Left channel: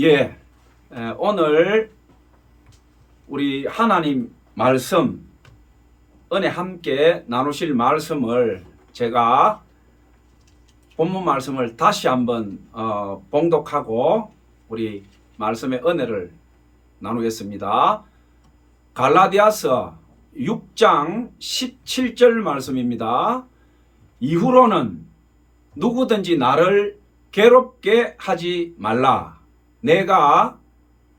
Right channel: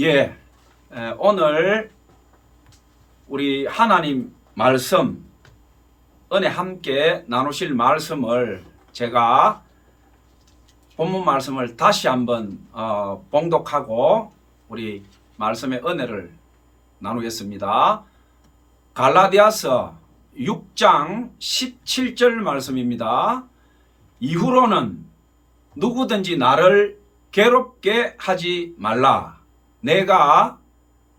예, 오늘 우리 하나님 말씀, 은혜 함께 나누실 말씀을 제가 본문 말씀을 다시 한번 봉독하고 우리 말씀의 은혜를 나누겠습니다. 갈라디아서 6장 17절 말씀입니다. 이후로는 누구든지 나를 괴롭게 하지 말라. 내가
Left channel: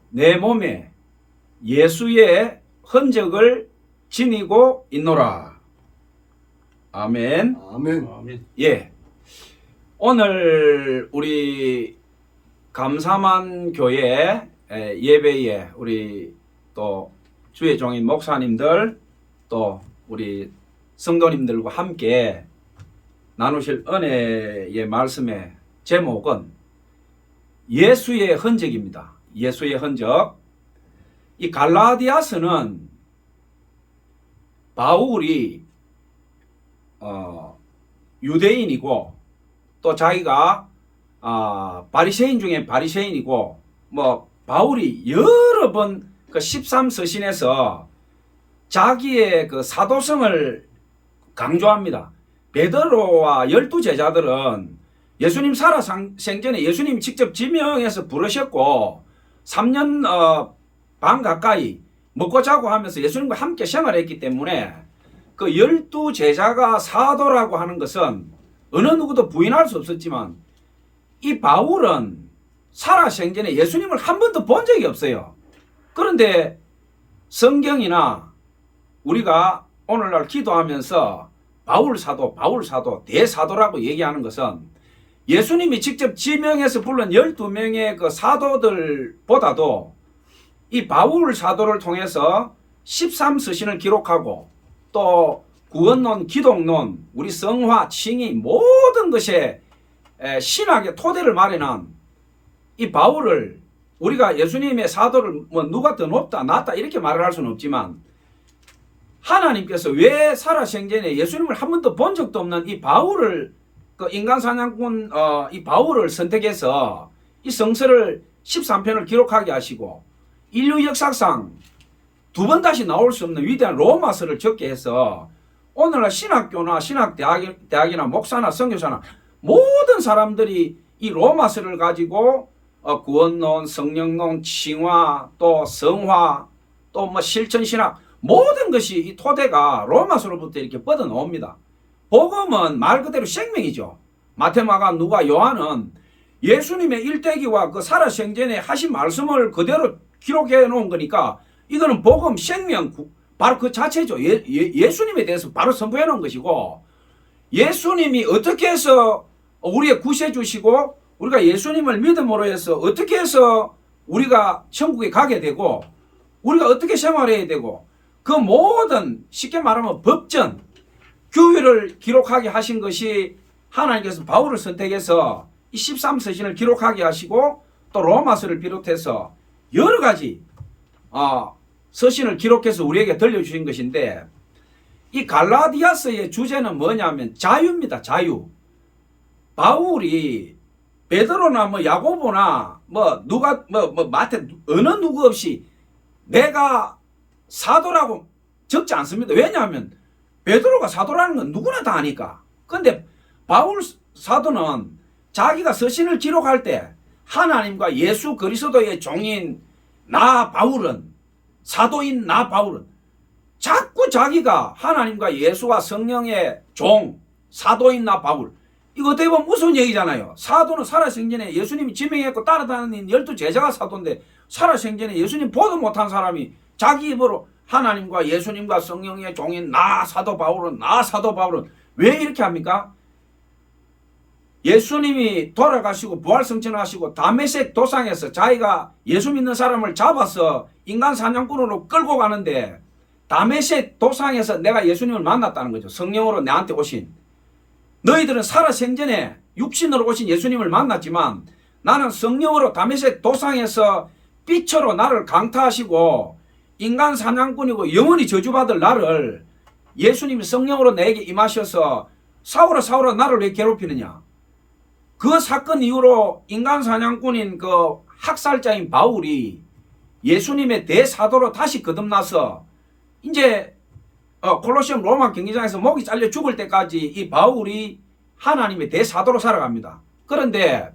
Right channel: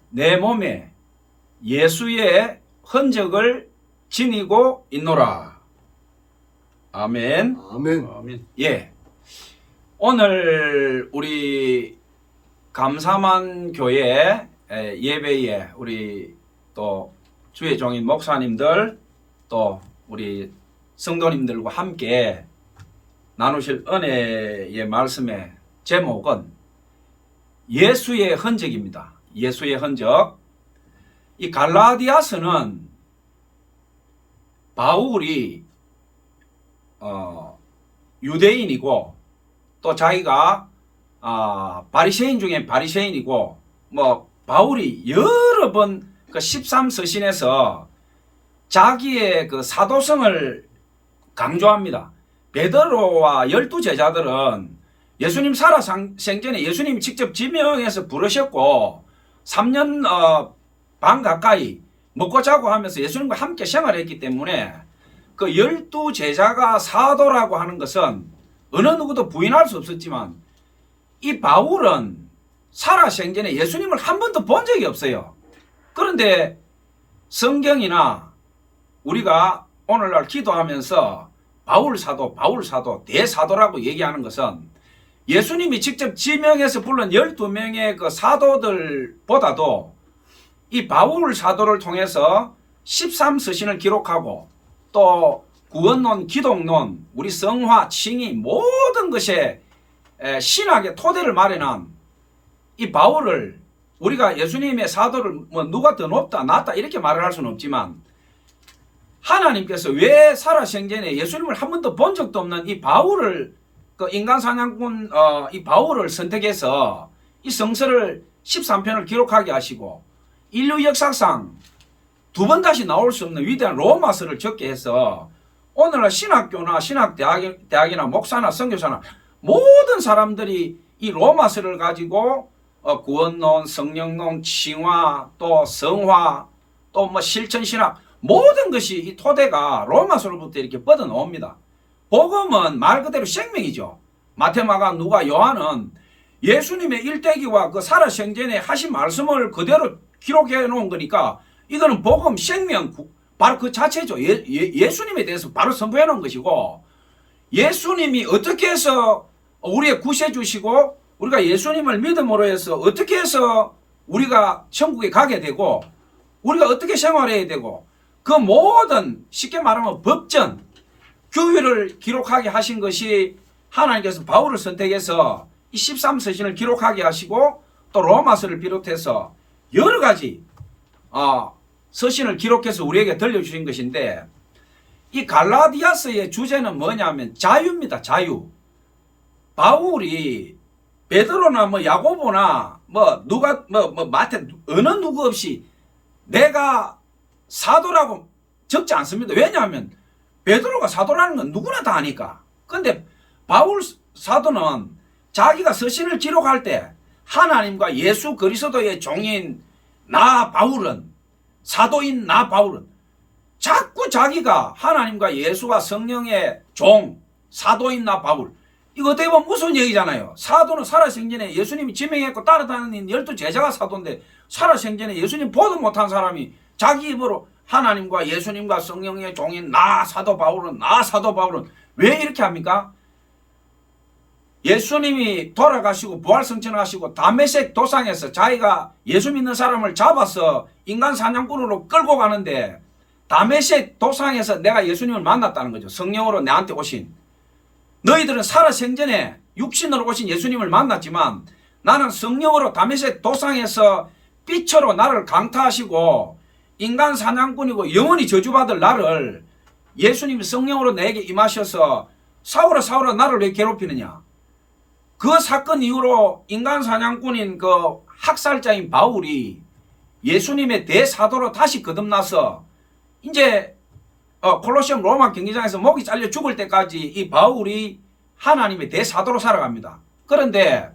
내 몸에 예수의 흔적을 지니고 있노라. 아멘. 아멘. 예. 오늘 우리 감사만 교회 예배에 우리 또 주의 종인 목사님들 또 우리 성도님들과 함께 나누실 은혜의 말씀의 제목은 예수의 흔적입니다. 예수의 흔적. 이 갈라디아서는 바울이 유대인이고 또 자기가 바리새인 중에 바리새인이고 뭐 바울이 여러 번 그 13서신에서 자기의 그 사도성을 강조합니다. 베드로와 12제자들은 예수님 살아생전에 예수님이 직접 지명해서 부르셨고 3년 반 가까이 먹고 자고 하면서 예수님과 함께 생활했기 때문에 그 12제자가 사도라고 하는 것은 어느 누구도 부인할 수 없었지만 이 바울은 살아생전에 예수님을 한 번도 본 적이 없어요. 그런데 성경이나 우리가 오늘날 기도하면서 바울 사도 대사도라고 얘기하는 것은 예수님이 직접 지명해서 불른 12명의 그 사도들보다도 이 바울 사도를 통해서 13서신을 기록하고 또 구원론, 기독론, 우리 성화, 칭의 모든 것에 신학의 토대를 마련한 이 바울을 우리가 예수님의 사도를 뭐 누가 더 높다 낫다 이렇게 말을 할 수는 없지만 하나님께서 왜 살아생전에 예수님을 한 번도 본 적도 없는 이 바울을 그 인간 사냥꾼 이 바울을 선택해서 이 성서를 13편을 기록하게 하시고 인류 역사상 두 번 다시 나올 수 없는 위대한 로마서를 적게 해서 오늘날 신학교나 신학대학이나 목사나 선교사나 모든 사람들이 이 로마서를 가지고 구원론, 성령론, 칭화, 또 성화, 또 뭐 실천신학 모든 것이 이 토대가 로마서로부터 이렇게 뻗어 나옵니다. 복음은 말 그대로 생명이죠. 마테마가, 누가, 요한은 예수님의 일대기와 그 살아생전에 하신 말씀을 그대로 기록해 놓은 거니까 이거는 복음, 생명, 바로 그 자체죠. 예수님에 대해서 바로 선포해 놓은 것이고 예수님이 어떻게 해서 우리의 구세 주시고 우리가 예수님을 믿음으로 해서 어떻게 해서 우리가 천국에 가게 되고 우리가 어떻게 생활해야 되고 그 모든 쉽게 말하면 법전, 규율을 기록하게 하신 것이 하나님께서 바울을 선택해서 이 13서신을 기록하게 하시고 또 로마서를 비롯해서 여러 가지 서신을 기록해서 우리에게 들려주신 것인데 이 갈라디아서의 주제는 뭐냐면 자유입니다. 자유. 바울이 베드로나 뭐 야고보나 뭐 누가 뭐 마태 어느 누구 없이 내가 사도라고 적지 않습니다. 왜냐하면 베드로가 사도라는 건 누구나 다 아니까. 근데 바울 사도는 자기가 서신을 기록할 때 하나님과 예수 그리스도의 종인 나 바울은, 사도인 나 바울은 자꾸 자기가 하나님과 예수와 성령의 종, 사도인 나 바울, 이거 어떻게 보면 무서운 얘기잖아요. 사도는 살아생전에 예수님이 지명했고 따라다니는 12제자가 사도인데 살아생전에 예수님 보도 못한 사람이 자기 입으로 하나님과 예수님과 성령의 종인 나 사도 바울은 왜 이렇게 합니까? 예수님이 돌아가시고 부활승천하시고 다메섹 도상에서 자기가 예수 믿는 사람을 잡아서 인간 사냥꾼으로 끌고 가는데 다메섹 도상에서 내가 예수님을 만났다는 거죠. 성령으로 내한테 오신. 너희들은 살아생전에 육신으로 오신 예수님을 만났지만 나는 성령으로 다메섹 도상에서 빛으로 나를 강타하시고 인간 사냥꾼이고 영원히 저주받을 나를 예수님이 성령으로 내게 임하셔서 사울아 나를 왜 괴롭히느냐. 그 사건 이후로 인간 사냥꾼인 그 학살자인 바울이 예수님의 대사도로 다시 거듭나서 이제 콜로시움 로마 경기장에서 목이 잘려 죽을 때까지 이 바울이 하나님의 대사도로 살아갑니다. 그런데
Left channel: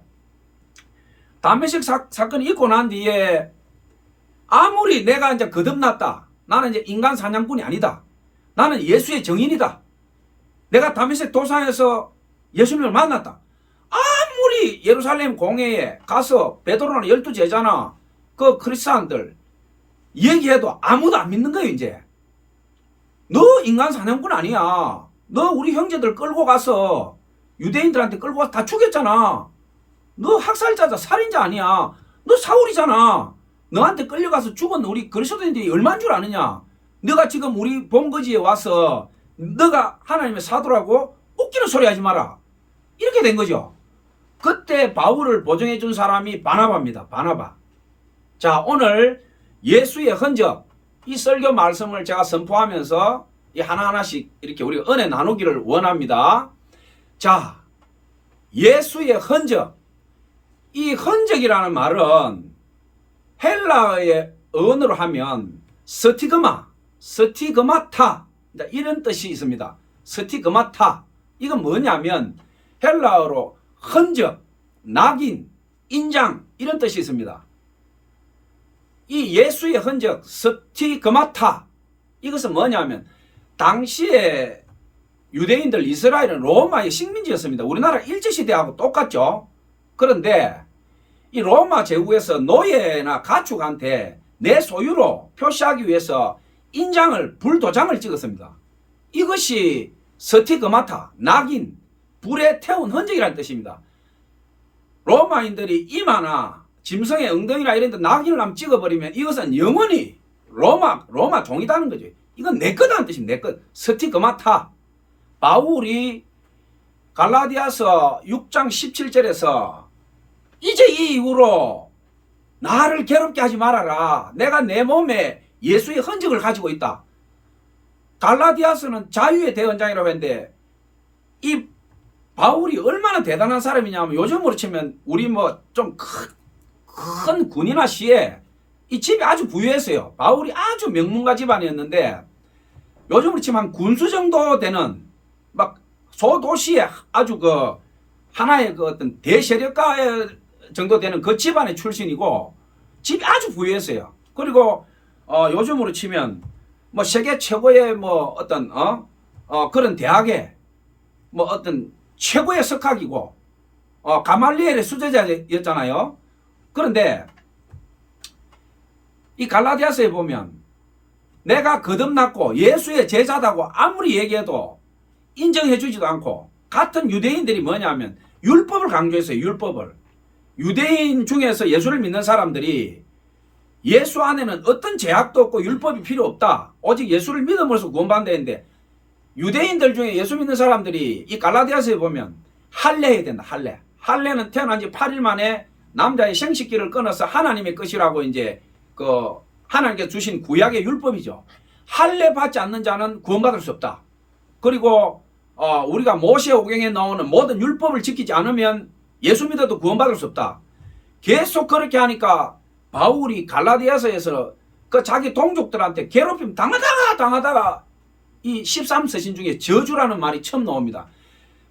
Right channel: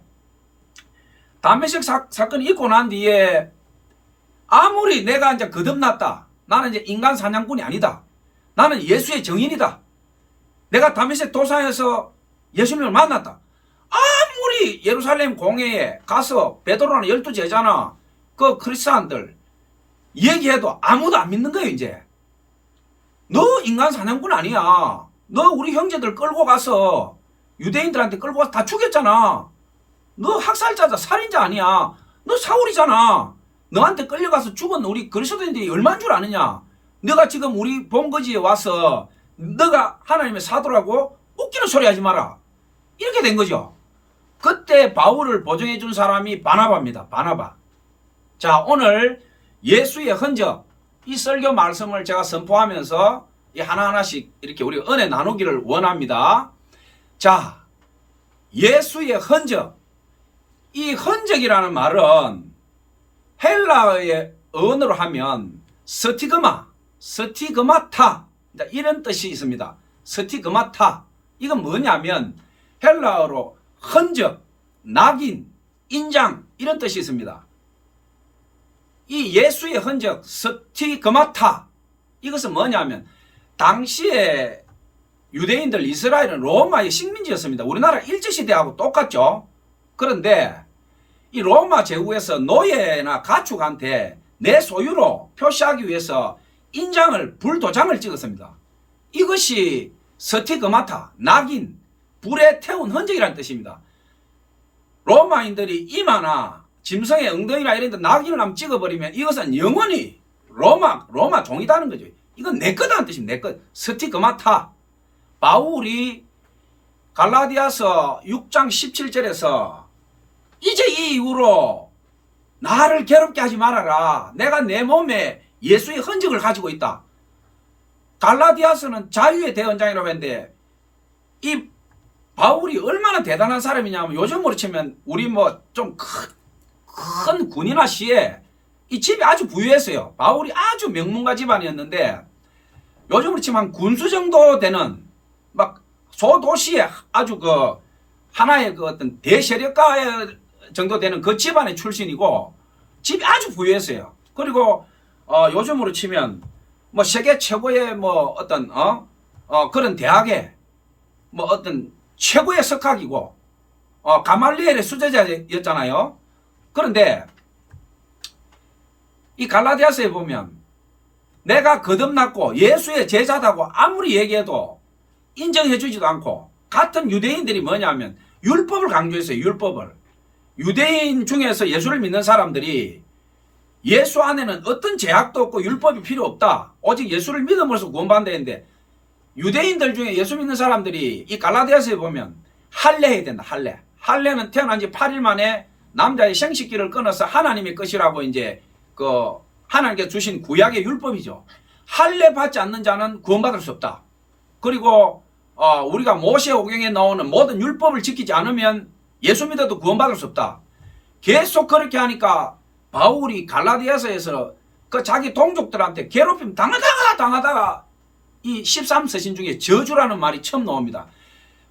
다메섹 사건이 있고 난 뒤에 아무리 내가 이제 거듭났다. 나는 이제 인간 사냥꾼이 아니다. 나는 예수의 증인이다. 내가 다메섹 도상에서 예수님을 만났다. 아무리 예루살렘 공회에 가서 베드로나 12제자나 그 크리스찬들 얘기해도 아무도 안 믿는 거예요. 이제 너 인간 사냥꾼 아니야. 너 우리 형제들 끌고 가서 유대인들한테 끌고 가서 다 죽였잖아. 너 학살자다, 살인자 아니야. 너 사울이잖아. 너한테 끌려가서 죽은 우리 그리스도인들이 얼마인 줄 아느냐. 너가 지금 우리 본거지에 와서 너가 하나님의 사도라고 웃기는 소리 하지 마라. 이렇게 된 거죠. 그때 바울을 보증해 준 사람이 바나바입니다. 바나바. 자, 오늘 예수의 흔적, 이 설교 말씀을 제가 선포하면서 이 하나하나씩 이렇게 우리가 은혜 나누기를 원합니다. 자, 예수의 흔적. 이 흔적이라는 말은 헬라어의 언어로 하면 스티그마타 이런 뜻이 있습니다. 스티그마타. 이건 뭐냐면 헬라어로 흔적, 낙인, 인장 이런 뜻이 있습니다. 이 예수의 흔적 스티그마타 이것은 뭐냐면 당시에 유대인들 이스라엘은 로마의 식민지였습니다. 우리나라 일제시대하고 똑같죠. 그런데 이 로마 제국에서 노예나 가축한테 내 소유로 표시하기 위해서 인장을 불도장을 찍었습니다. 이것이 스티그마타, 낙인, 불에 태운 흔적이라는 뜻입니다. 로마인들이 이마나 짐승의 엉덩이나 이런 데 낙인을 한번 찍어버리면 이것은 영원히 로마 종이다는 거죠. 이건 내 거다는 뜻입니다. 내 것. 스티그마타. 바울이 갈라디아서 6장 17절에서 이제 이 이후로 나를 괴롭게 하지 말아라. 내가 내 몸에 예수의 흔적을 가지고 있다. 갈라디아서는 자유의 대언장이라고 했는데 이 바울이 얼마나 대단한 사람이냐면 요즘으로 치면 우리 뭐 좀 큰 군이나 시에 이 집이 아주 부유했어요. 바울이 아주 명문가 집안이었는데 요즘으로 치면 한 군수 정도 되는 막 소도시에 아주 그 하나의 그 어떤 대세력가 정도 되는 그 집안의 출신이고 집이 아주 부유했어요. 그리고 요즘으로 치면 뭐 세계 최고의 뭐 어떤 그런 대학에 뭐 어떤 최고의 석학이고 가말리엘의 수제자였잖아요. 그런데 이 갈라디아서에 보면 내가 거듭났고 예수의 제자다고 아무리 얘기해도 인정해 주지도 않고 같은 유대인들이 뭐냐면 율법을 강조했어요. 율법을. 유대인 중에서 예수를 믿는 사람들이 예수 안에는 어떤 제약도 없고 율법이 필요 없다. 오직 예수를 믿음으로써 구원받는다는데 유대인들 중에 예수 믿는 사람들이 이 갈라디아서에 보면 할례 해야 된다. 할례. 할례는 태어난 지 8일 만에 남자의 생식기를 끊어서 하나님의 것이라고 이제 그 하나님께 주신 구약의 율법이죠. 할례 받지 않는 자는 구원받을 수 없다. 그리고 우리가 모세오경에 나오는 모든 율법을 지키지 않으면 예수 믿어도 구원받을 수 없다. 계속 그렇게 하니까 바울이 갈라디아서에서 그 자기 동족들한테 괴롭힘 당하다가 이 13서신 중에 저주라는 말이 처음 나옵니다.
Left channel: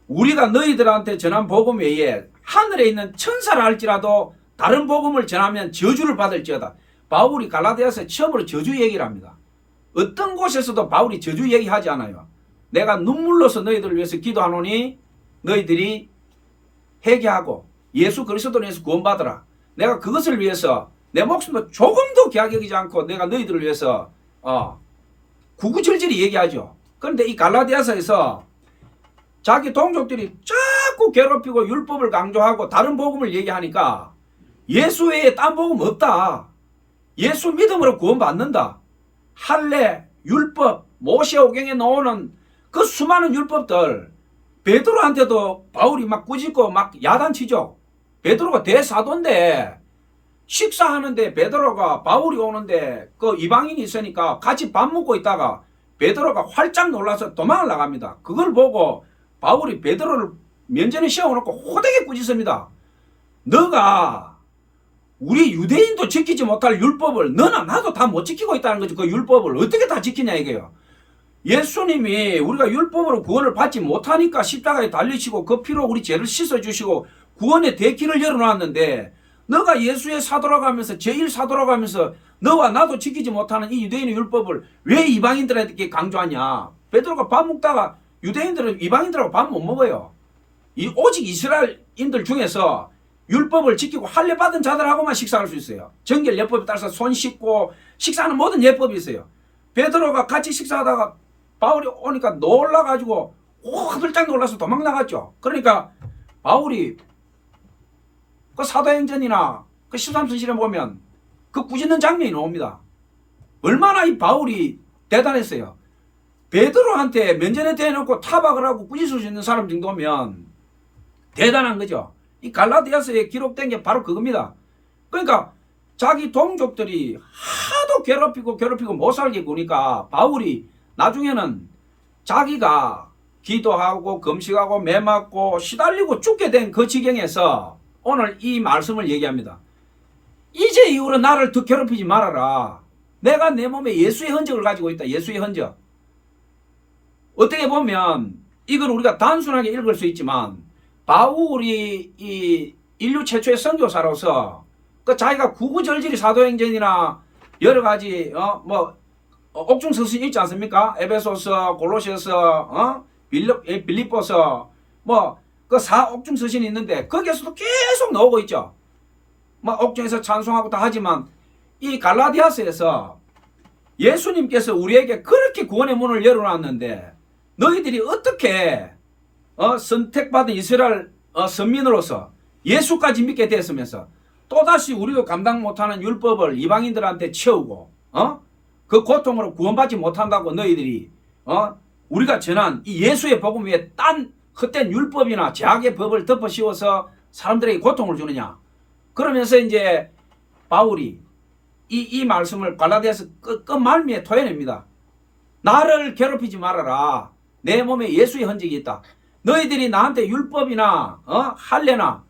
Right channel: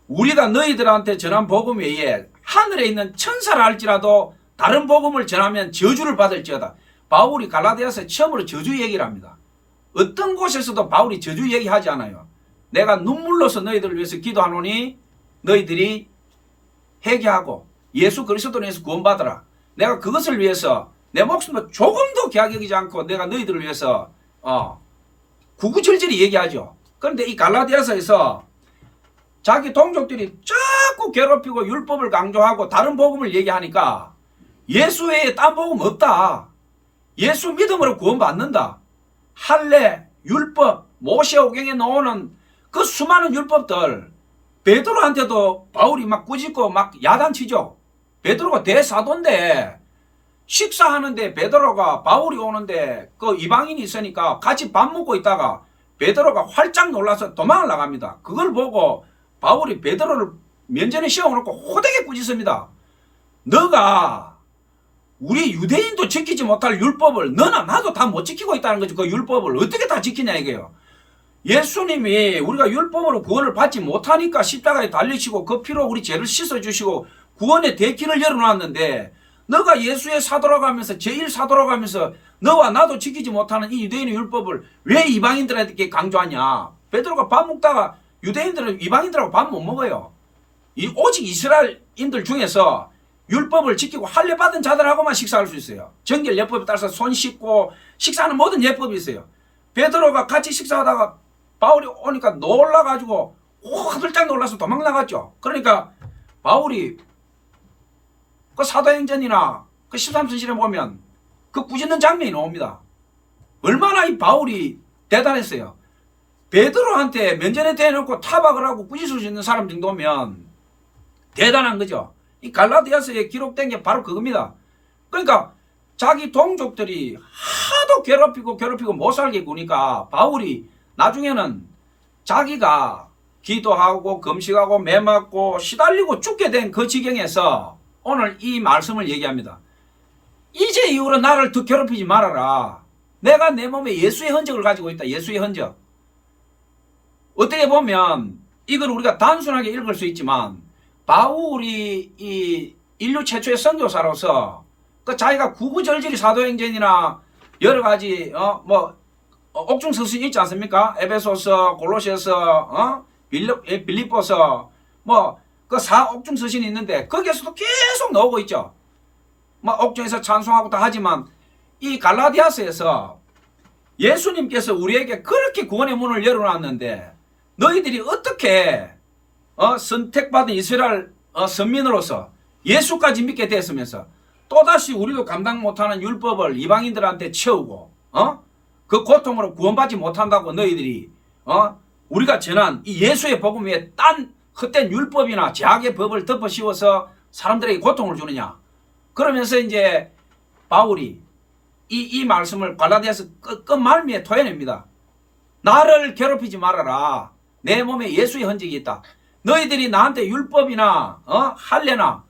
우리가 너희들한테 전한 복음 외에 하늘에 있는 천사를 할지라도 다른 복음을 전하면 저주를 받을지어다. 바울이 갈라디아서에 처음으로 저주 얘기를 합니다. 어떤 곳에서도 바울이 저주 얘기하지 않아요. 내가 눈물로서 너희들을 위해서 기도하노니 너희들이 회개하고 예수 그리스도로 인해서 구원받으라. 내가 그것을 위해서 내 목숨을 조금도 귀하게 여기지 않고 내가 너희들을 위해서 구구절절히 얘기하죠. 그런데 이 갈라디아서에서 자기 동족들이 자꾸 괴롭히고 율법을 강조하고 다른 복음을 얘기하니까 예수 외에 딴 복음 없다. 예수 믿음으로 구원받는다. 할례, 율법, 모세오경에 나오는 그 수많은 율법들 베드로한테도 바울이 막 꾸짖고 막 야단치죠. 베드로가 대사도인데 식사하는데 베드로가 바울이 오는데 그 이방인이 있으니까 같이 밥 먹고 있다가 베드로가 활짝 놀라서 도망을 나갑니다. 그걸 보고 바울이 베드로를 면전에 씌워놓고 호되게 꾸짖습니다. 너가 우리 유대인도 지키지 못할 율법을 너나 나도 다 못 지키고 있다는 거죠. 그 율법을 어떻게 다 지키냐 이거예요. 예수님이 우리가 율법으로 구원을 받지 못하니까 십자가에 달리시고 그 피로 우리 죄를 씻어주시고 구원의 대길을 열어놨는데 너가 예수의 사도라고 하면서 제1 사도라고 하면서 너와 나도 지키지 못하는 이 유대인의 율법을 왜 이방인들에게 강조하냐. 베드로가 밥 먹다가 유대인들은 이방인들하고 밥 못 먹어요. 오직 이스라엘인들 중에서 율법을 지키고 할례받은 자들하고만 식사할 수 있어요. 정결 예법에 따라서 손 씻고 식사하는 모든 예법이 있어요. 베드로가 같이 식사하다가 바울이 오니까 놀라가지고 화들짝 놀라서 도망나갔죠. 그러니까 바울이 그 사도행전이나 그 13서신에 보면 그 꾸짖는 장면이 나옵니다. 얼마나 이 바울이 대단했어요. 베드로한테 면전에 대놓고 타박을 하고 꾸짖을 수 있는 사람 정도면 대단한 거죠. 이 갈라디아서에 기록된 게 바로 그겁니다. 그러니까 자기 동족들이 하도 괴롭히고 못 살게 구니까 바울이 나중에는 자기가 기도하고 금식하고 매 맞고 시달리고 죽게 된 그 지경에서 오늘 이 말씀을 얘기합니다. 이제 이후로 나를 더 괴롭히지 말아라. 내가 내 몸에 예수의 흔적을 가지고 있다. 예수의 흔적. 어떻게 보면 이걸 우리가 단순하게 읽을 수 있지만 바울이 이 인류 최초의 선교사로서 그 자기가 구구절절히 사도행전이나 여러 가지 옥중 서신 있지 않습니까? 에베소서, 골로새서, 빌립보서 그 4옥중 서신이 있는데 거기에서도 계속 나오고 있죠. 옥중에서 찬송하고 다 하지만 이 갈라디아서에서 예수님께서 우리에게 그렇게 구원의 문을 열어놨는데 너희들이 어떻게 선택받은 이스라엘 선민으로서 예수까지 믿게 됐으면서 또다시 우리도 감당 못하는 율법을 이방인들한테 채우고 그 고통으로 구원받지 못한다고 너희들이 우리가 전한 이 예수의 복음 위에 딴 헛된 율법이나 제약의 법을 덮어 씌워서 사람들에게 고통을 주느냐. 그러면서 이제 바울이 이 말씀을 갈라디아서 끝말미에 토해냅니다. 나를 괴롭히지 말아라. 내 몸에 예수의 흔적이 있다. 너희들이 나한테 율법이나 할례나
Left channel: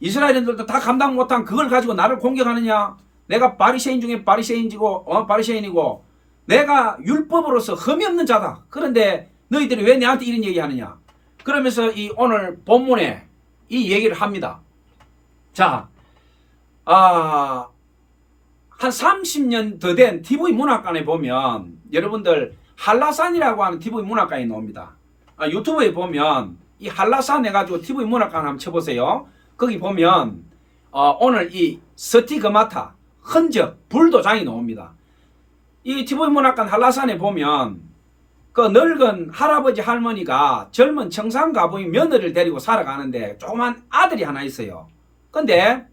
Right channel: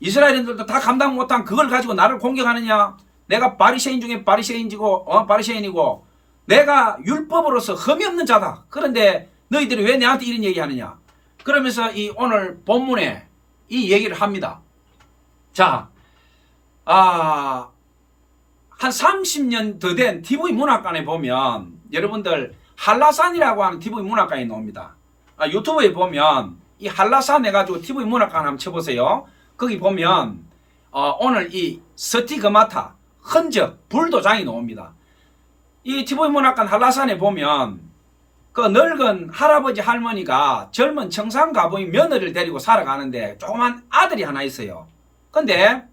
이스라엘인들도 다 감당 못한 그걸 가지고 나를 공격하느냐. 내가 바리새인 중에 바리새인이고 내가 율법으로서 흠이 없는 자다. 그런데 너희들이 왜 내한테 이런 얘기하느냐. 그러면서 이 오늘 본문에 이 얘기를 합니다. 자, 한 30년 더 된 TV 문학관에 보면 여러분들 한라산이라고 하는 TV 문학관이 나옵니다. 유튜브에 보면 이 한라산 해가지고 TV 문학관 한번 쳐보세요. 거기 보면 오늘 이 스티그마타 흔적 불도장이 나옵니다. 이 TV 문학관 한라산에 보면 그 늙은 할아버지 할머니가 젊은 청산가부인 며느리를 데리고 살아가는데 조그만 아들이 하나 있어요. 근데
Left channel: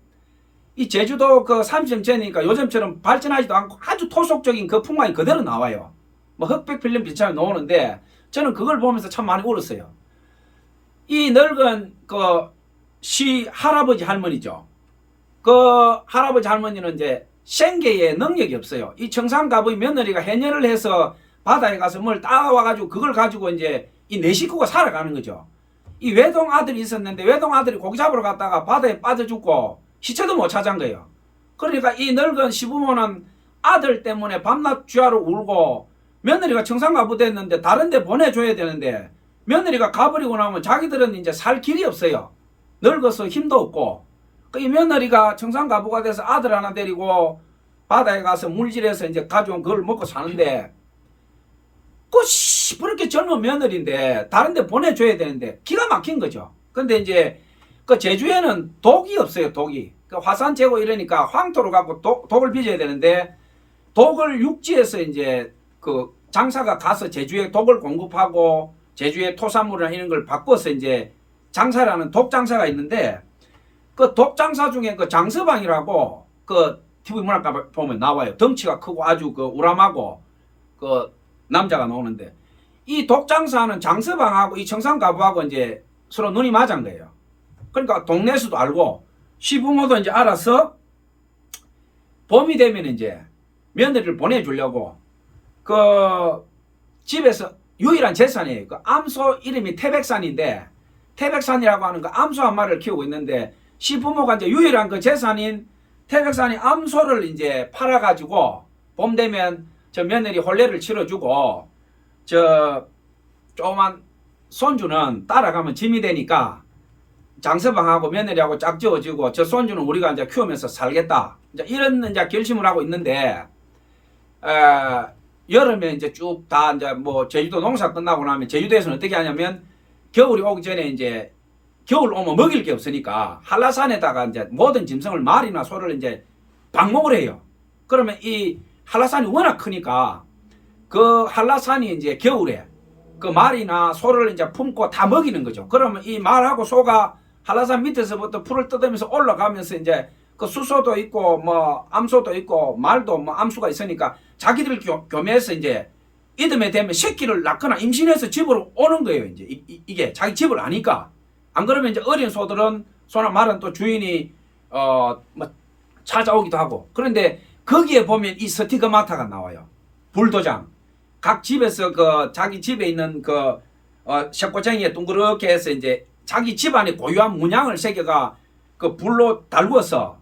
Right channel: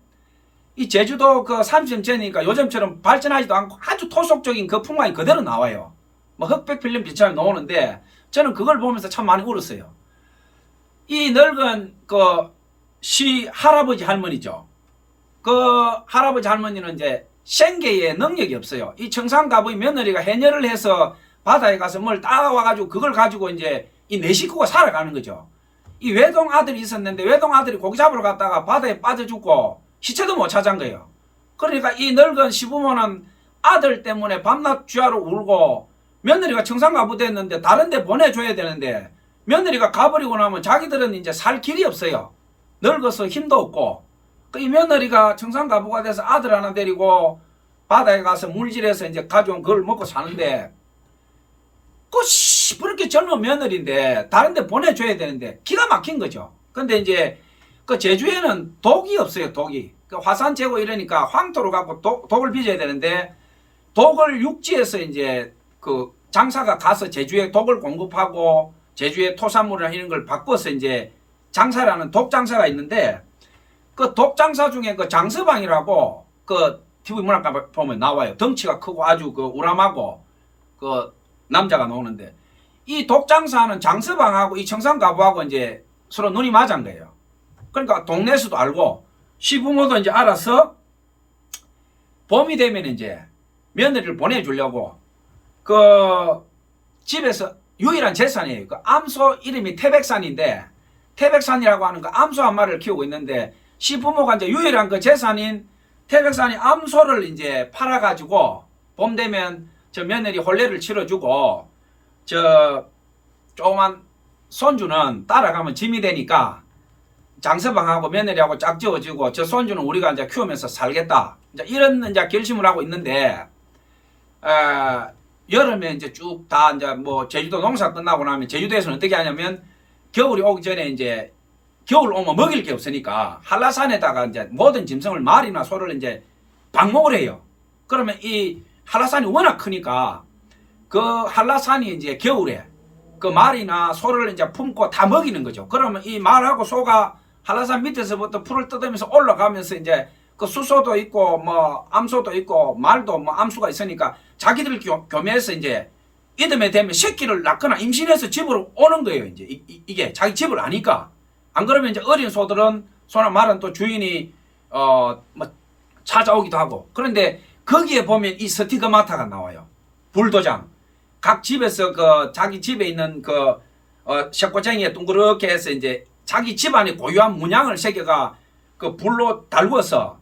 이 제주도 그 30년 전이니까 요즘처럼 발전하지도 않고 아주 토속적인 그 풍광이 그대로 나와요. 흑백 필름 비처럼 나오는데 저는 그걸 보면서 참 많이 울었어요. 이 늙은 그 할아버지 할머니죠. 그 할아버지 할머니는 이제 생계에 능력이 없어요. 이 청산가부의 며느리가 해녀를 해서 바다에 가서 뭘 따와가지고 그걸 가지고 이제 이 네 식구가 살아가는 거죠. 이 외동 아들이 있었는데 외동 아들이 고기 잡으러 갔다가 바다에 빠져 죽고 시체도 못 찾은 거예요. 그러니까 이 늙은 시부모는 아들 때문에 밤낮 쥐하러 울고 며느리가 청산가부 됐는데 다른 데 보내줘야 되는데 며느리가 가버리고 나면 자기들은 이제 살 길이 없어요. 늙어서 힘도 없고 이 며느리가 청산가부가 돼서 아들 하나 데리고 바다에 가서 물질해서 이제 가져온 그걸 먹고 사는데 그 시퍼렇게 젊은 며느리인데 다른 데 보내줘야 되는데 기가 막힌 거죠. 근데 이제 그 제주에는 독이 없어요. 독이. 그 화산 재고 이러니까 황토를 갖고 독을 빚어야 되는데 독을 육지에서 이제 그 장사가 가서 제주에 독을 공급하고 제주의 토산물이나 이런 걸 바꿔서 이제 장사를 하는 독장사가 있는데 그 독장사 중에 그 장서방이라고 그 TV 문학과 보면 나와요. 덩치가 크고 아주 그 우람하고 그 남자가 나오는데 이 독장사는 장서방하고 이 청산가부하고 이제 서로 눈이 맞은 거예요. 그러니까 동네에서도 알고 시부모도 이제 알아서 봄이 되면 이제 며느리를 보내주려고 그 집에서 유일한 재산이에요. 그 암소 이름이 태백산인데 태백산이라고 하는 그 암소 한 마리를 키우고 있는데 시부모가 이제 유일한 그 재산인 태백산이 암소를 이제 팔아가지고 봄 되면 저 며느리 혼례를 치러주고 저 조그만 손주는 따라가면 짐이 되니까 장서방하고 며느리하고 짝지어지고 저 손주는 우리가 이제 키우면서 살겠다. 이제 이런 이제 결심을 하고 있는데 여름에 이제 쭉 다 이제 뭐 제주도 농사 끝나고 나면 제주도에서는 어떻게 하냐면 겨울이 오기 전에 이제 겨울 오면 먹일 게 없으니까 한라산에다가 이제 모든 짐승을 말이나 소를 이제 방목을 해요. 그러면 이 한라산이 워낙 크니까 그 한라산이 이제 겨울에 그 말이나 소를 이제 품고 다 먹이는 거죠. 그러면 이 말하고 소가 한라산 밑에서부터 풀을 뜯으면서 올라가면서 이제 그 수소도 있고 뭐 암소도 있고 말도 뭐 암수가 있으니까 자기들 교매해서 이제 이듬해 되면 새끼를 낳거나 임신해서 집으로 오는 거예요. 이제 이게 자기 집을 아니까. 안 그러면 이제 어린 소들은 소나 말은 또 주인이 뭐 찾아오기도 하고. 그런데 거기에 보면 이 스티그마타가 나와요. 불도장. 각 집에서 그 자기 집에 있는 그 쇠꼬챙이에 둥그렇게 해서 이제 자기 집안에 고유한 문양을 새겨가 그 불로 달구어서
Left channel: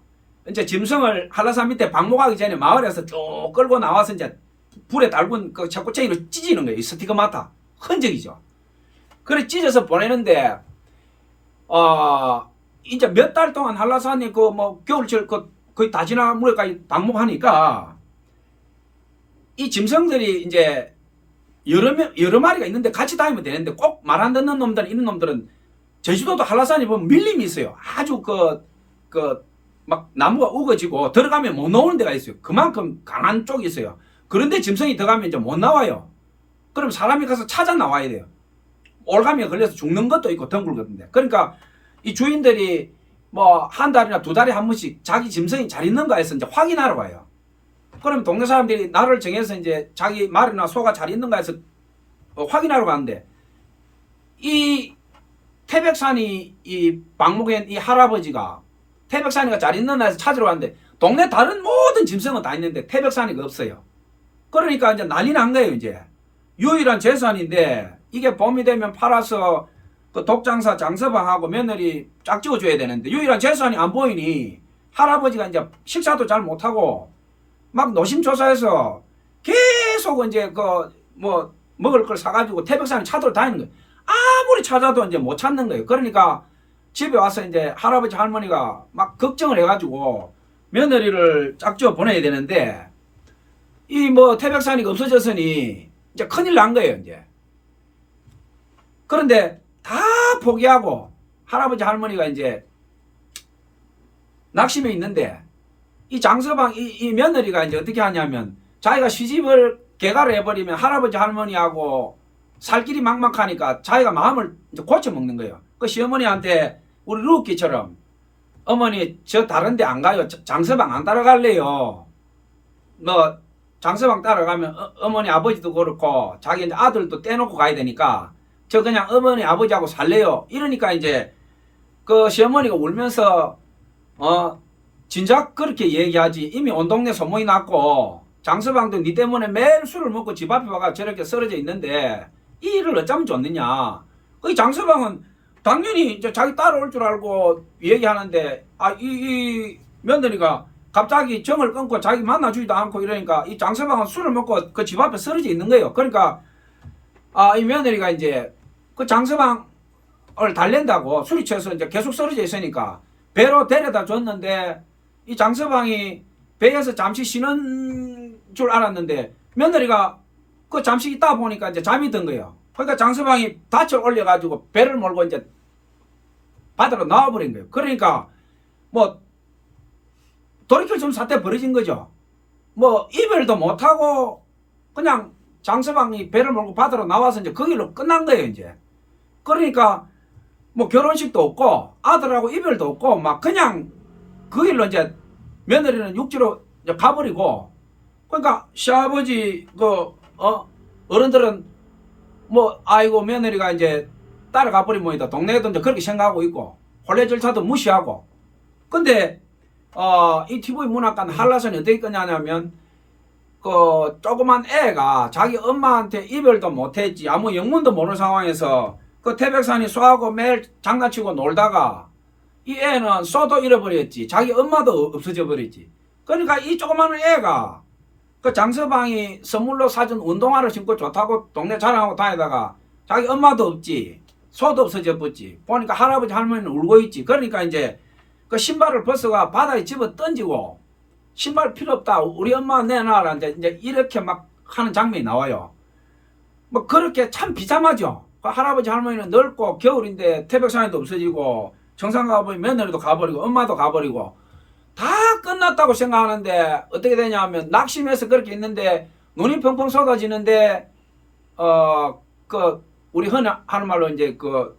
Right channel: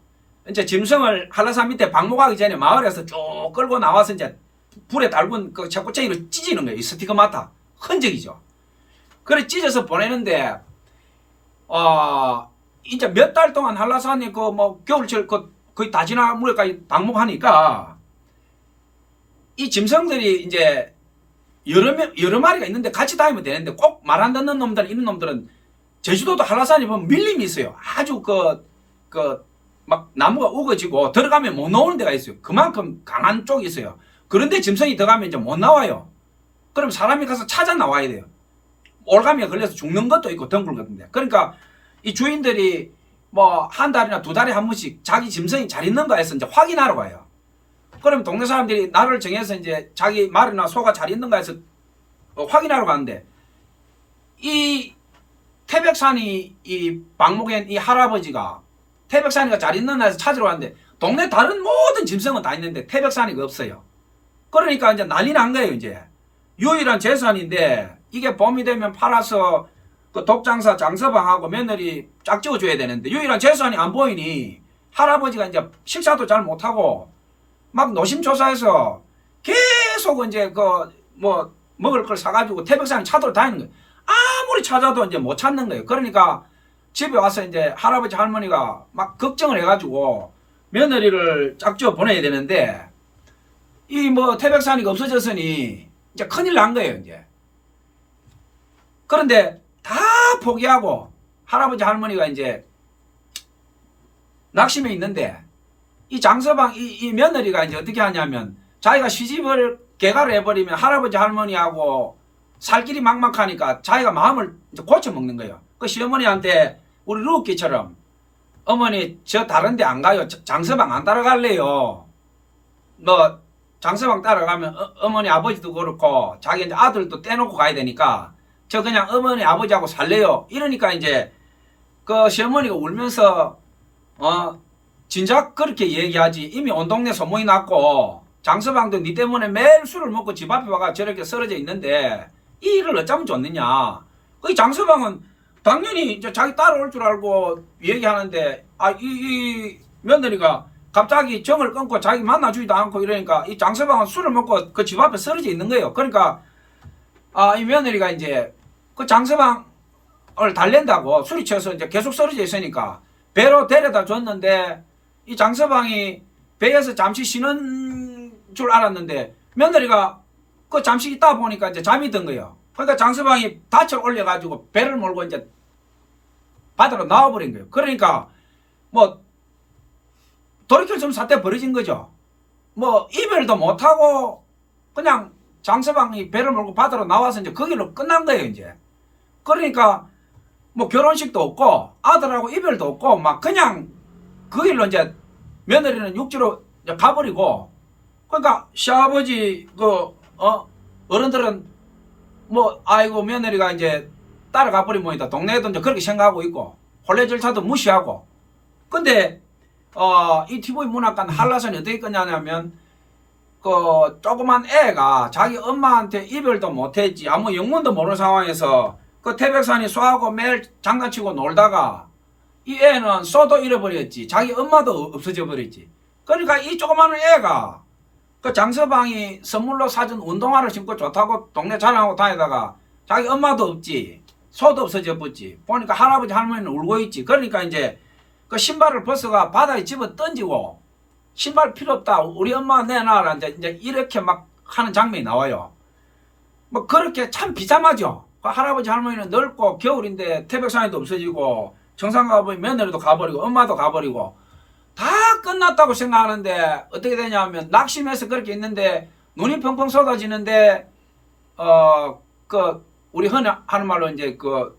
이제 짐승을 한라산 밑에 방목하기 전에 마을에서 쭉 끌고 나와서 이제 불에 달군 그 쇠꼬챙이로 찢는 거예요. 이 스티그마타. 흔적이죠. 그래 찢어서 보내는데 이제 몇 달 동안 한라산이 그 뭐 겨울철 그 거의 다 지나 물에까지 방목하니까 이 짐승들이 이제 여러 마리가 있는데 같이 다니면 되는데 꼭 말 안 듣는 놈들 이런 놈들은 제주도도 한라산이 보면 밀림이 있어요. 아주 막 나무가 우거지고 들어가면 못 나오는 데가 있어요. 그만큼 강한 쪽이 있어요. 그런데 짐승이 들어가면 이제 못 나와요. 그럼 사람이 가서 찾아 나와야 돼요. 올가미가 걸려서 죽는 것도 있고 덩굴거든요. 그러니까 이 주인들이 뭐 한 달이나 두 달에 한 번씩 자기 짐승이 잘 있는가 해서 이제 확인하러 가요. 그럼 동네 사람들이 날을 정해서 이제 자기 말이나 소가 잘 있는가 해서 확인하러 가는데 이 태백산이 이 방목엔 이 할아버지가 태백산이가 잘 있는 데서 찾으러 왔는데 동네 다른 모든 짐승은 다 있는데 태백산이가 없어요. 그러니까 이제 난리 난 거예요. 이제 유일한 재산인데 이게 봄이 되면 팔아서 그 독장사 장서방하고 며느리 짝지어 줘야 되는데 유일한 재산이 안 보이니 할아버지가 이제 식사도 잘 못하고 막 노심초사해서 계속 이제 그 뭐 먹을 걸 사가지고 태백산에 찾으러 다니는 거예요. 아무리 찾아도 이제 못 찾는 거예요. 그러니까 집에 와서 이제 할아버지 할머니가 막 걱정을 해가지고 며느리를 짝지어 보내야 되는데 이 뭐 태백산이가 없어졌으니 이제 큰일 난 거예요. 이제 그런데 다 포기하고 할아버지 할머니가 이제 낙심해 있는데 이 장서방 이 며느리가 이제 어떻게 하냐면 자기가 시집을 개가를 해버리면 할아버지 할머니하고 살 길이 막막하니까 자기가 마음을 이제 고쳐 먹는 거예요. 그 시어머니한테 우리 루키처럼 어머니 저 다른 데 안 가요. 장서방 안 따라갈래요. 뭐 장서방 따라가면 어머니 아버지도 그렇고 자기 이제 아들도 떼놓고 가야 되니까 저 그냥 어머니 아버지하고 살래요. 이러니까 이제 그 시어머니가 울면서 진작 그렇게 얘기하지. 이미 온 동네 소문이 났고 장서방도 니 때문에 매일 술을 먹고 집 앞에 와가 저렇게 쓰러져 있는데 이 일을 어쩌면 좋느냐. 그 장서방은 당연히 이제 자기 따라올 줄 알고 얘기하는데 이 며느리가 갑자기 정을 끊고 자기 만나주지도 않고 이러니까 이 장서방은 술을 먹고 그 집 앞에 쓰러져 있는 거예요. 그러니까 이 며느리가 이제 그 장서방을 달랜다고 술이 취해서 이제 계속 쓰러져 있으니까 배로 데려다 줬는데 이 장서방이 배에서 잠시 쉬는 줄 알았는데 며느리가 그 잠시 있다 보니까 이제 잠이 든 거예요. 그러니까 장서방이 닻을 올려가지고 배를 몰고 이제 바다로 나와버린 거예요. 그러니까 뭐 돌이킬 수 없는 사태 벌어진 거죠. 뭐 이별도 못하고 그냥 장서방이 배를 몰고 바다로 나와서 이제 그 길로 끝난 거예요. 이제 그러니까 뭐 결혼식도 없고 아들하고 이별도 없고 막 그냥 그 길로 이제 며느리는 육지로 이제 가버리고 그러니까 시아버지 어른들은 뭐 아이고 며느리가 이제 따라가 버린 모이다. 동네에도 이제 그렇게 생각하고 있고 혼례 절차도 무시하고. 근데 이 TV 문학관 한라산이 어떻게 끝나냐면 그 조그만 애가 자기 엄마한테 이별도 못했지 아무 영문도 모르는 상황에서 그 태백산이 소하고 매일 장난치고 놀다가 이 애는 소도 잃어버렸지. 자기 엄마도 없어져 버렸지. 그러니까 이 조그마한 애가 그 장서방이 선물로 사준 운동화를 신고 좋다고 동네 자랑하고 다니다가 자기 엄마도 없지. 소도 없어져 버렸지. 보니까 할아버지 할머니는 울고 있지. 그러니까 이제 그 신발을 벗어가 바다에 집어 던지고 신발 필요 없다. 우리 엄마 내놔라. 이제 이렇게 막 하는 장면이 나와요. 뭐 그렇게 참 비참하죠. 그 할아버지 할머니는 늙고 겨울인데 태백산에도 없어지고 정상 가보니 며느리도 가버리고 엄마도 가버리고 다 끝났다고 생각하는데 어떻게 되냐면 낙심해서 그렇게 있는데 눈이 펑펑 쏟아지는데 그 우리 흔히 하는 말로 이제 그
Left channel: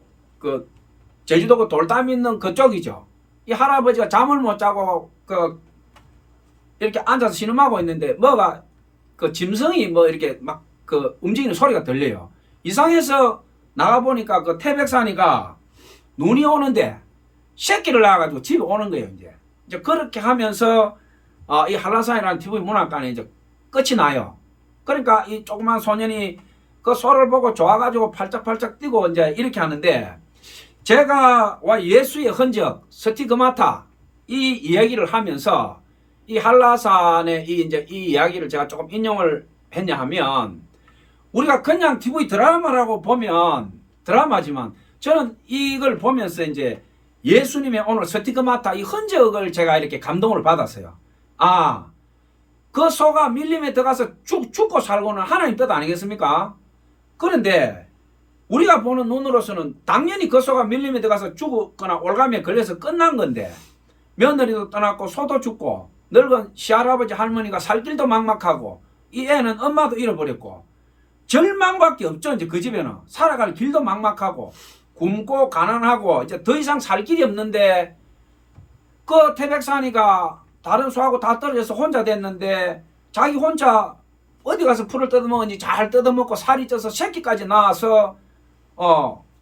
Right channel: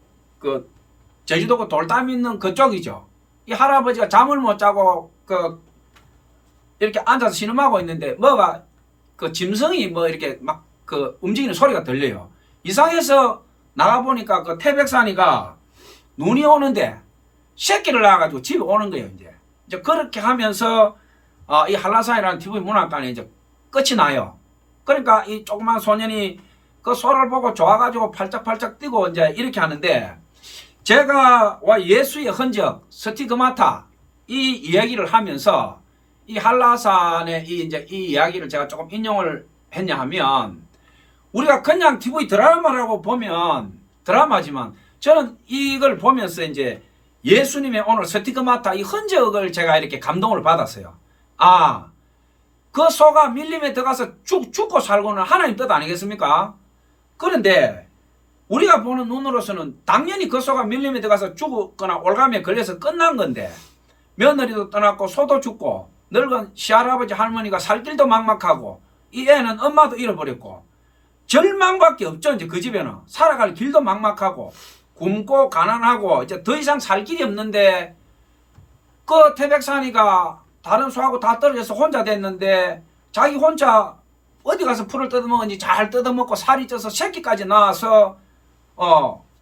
제주도 그 돌담 있는 그쪽이죠. 이 할아버지가 잠을 못 자고 이렇게 앉아서 신음하고 있는데 뭐가 그 짐승이 뭐 이렇게 막 그 움직이는 소리가 들려요. 이상해서 나가보니까 그 태백산이가 눈이 오는데 새끼를 낳아가지고 집에 오는 거예요. 이제 그렇게 하면서 이 한라산이라는 TV 문학관에 이제 끝이 나요. 그러니까 이 조그만 소년이 그 소를 보고 좋아가지고 팔짝팔짝 뛰고 이제 이렇게 하는데 제가 와 예수의 흔적 스티그마타 이 이야기를 하면서 이 한라산의 이제 이 이야기를 제가 조금 인용을 했냐 하면 우리가 그냥 TV 드라마라고 보면 드라마지만 저는 이걸 보면서 이제 예수님의 오늘 스티그마타 이 흔적을 제가 이렇게 감동을 받았어요. 아, 그 소가 밀림에 들어가서 죽고 살고는 하나님 뜻 아니겠습니까? 그런데 우리가 보는 눈으로서는 당연히 그 소가 밀림에 들어가서 죽거나 올감에 걸려서 끝난 건데 며느리도 떠났고 소도 죽고 늙은 시할아버지 할머니가 살 길도 막막하고 이 애는 엄마도 잃어버렸고 절망밖에 없죠. 이제 그 집에는 살아갈 길도 막막하고 굶고 가난하고 이제 더 이상 살 길이 없는데 그 태백산이가 다른 소하고 다 떨어져서 혼자 됐는데 자기 혼자 어디 가서 풀을 뜯어먹은지 잘 뜯어먹고 살이 쪄서 새끼까지 낳아서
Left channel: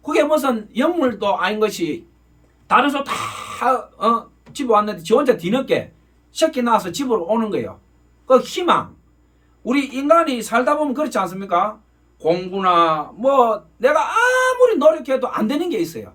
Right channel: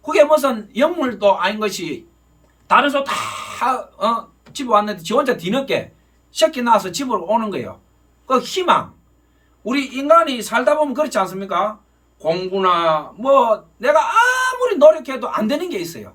그게 무슨 영물도 아닌 것이 다른 소 다 집에 왔는데 지 혼자 뒤늦게 새끼 낳아서 집으로 오는 거예요. 그 희망. 우리 인간이 살다 보면 그렇지 않습니까? 공부나 뭐 내가 아무리 노력해도 안 되는 게 있어요.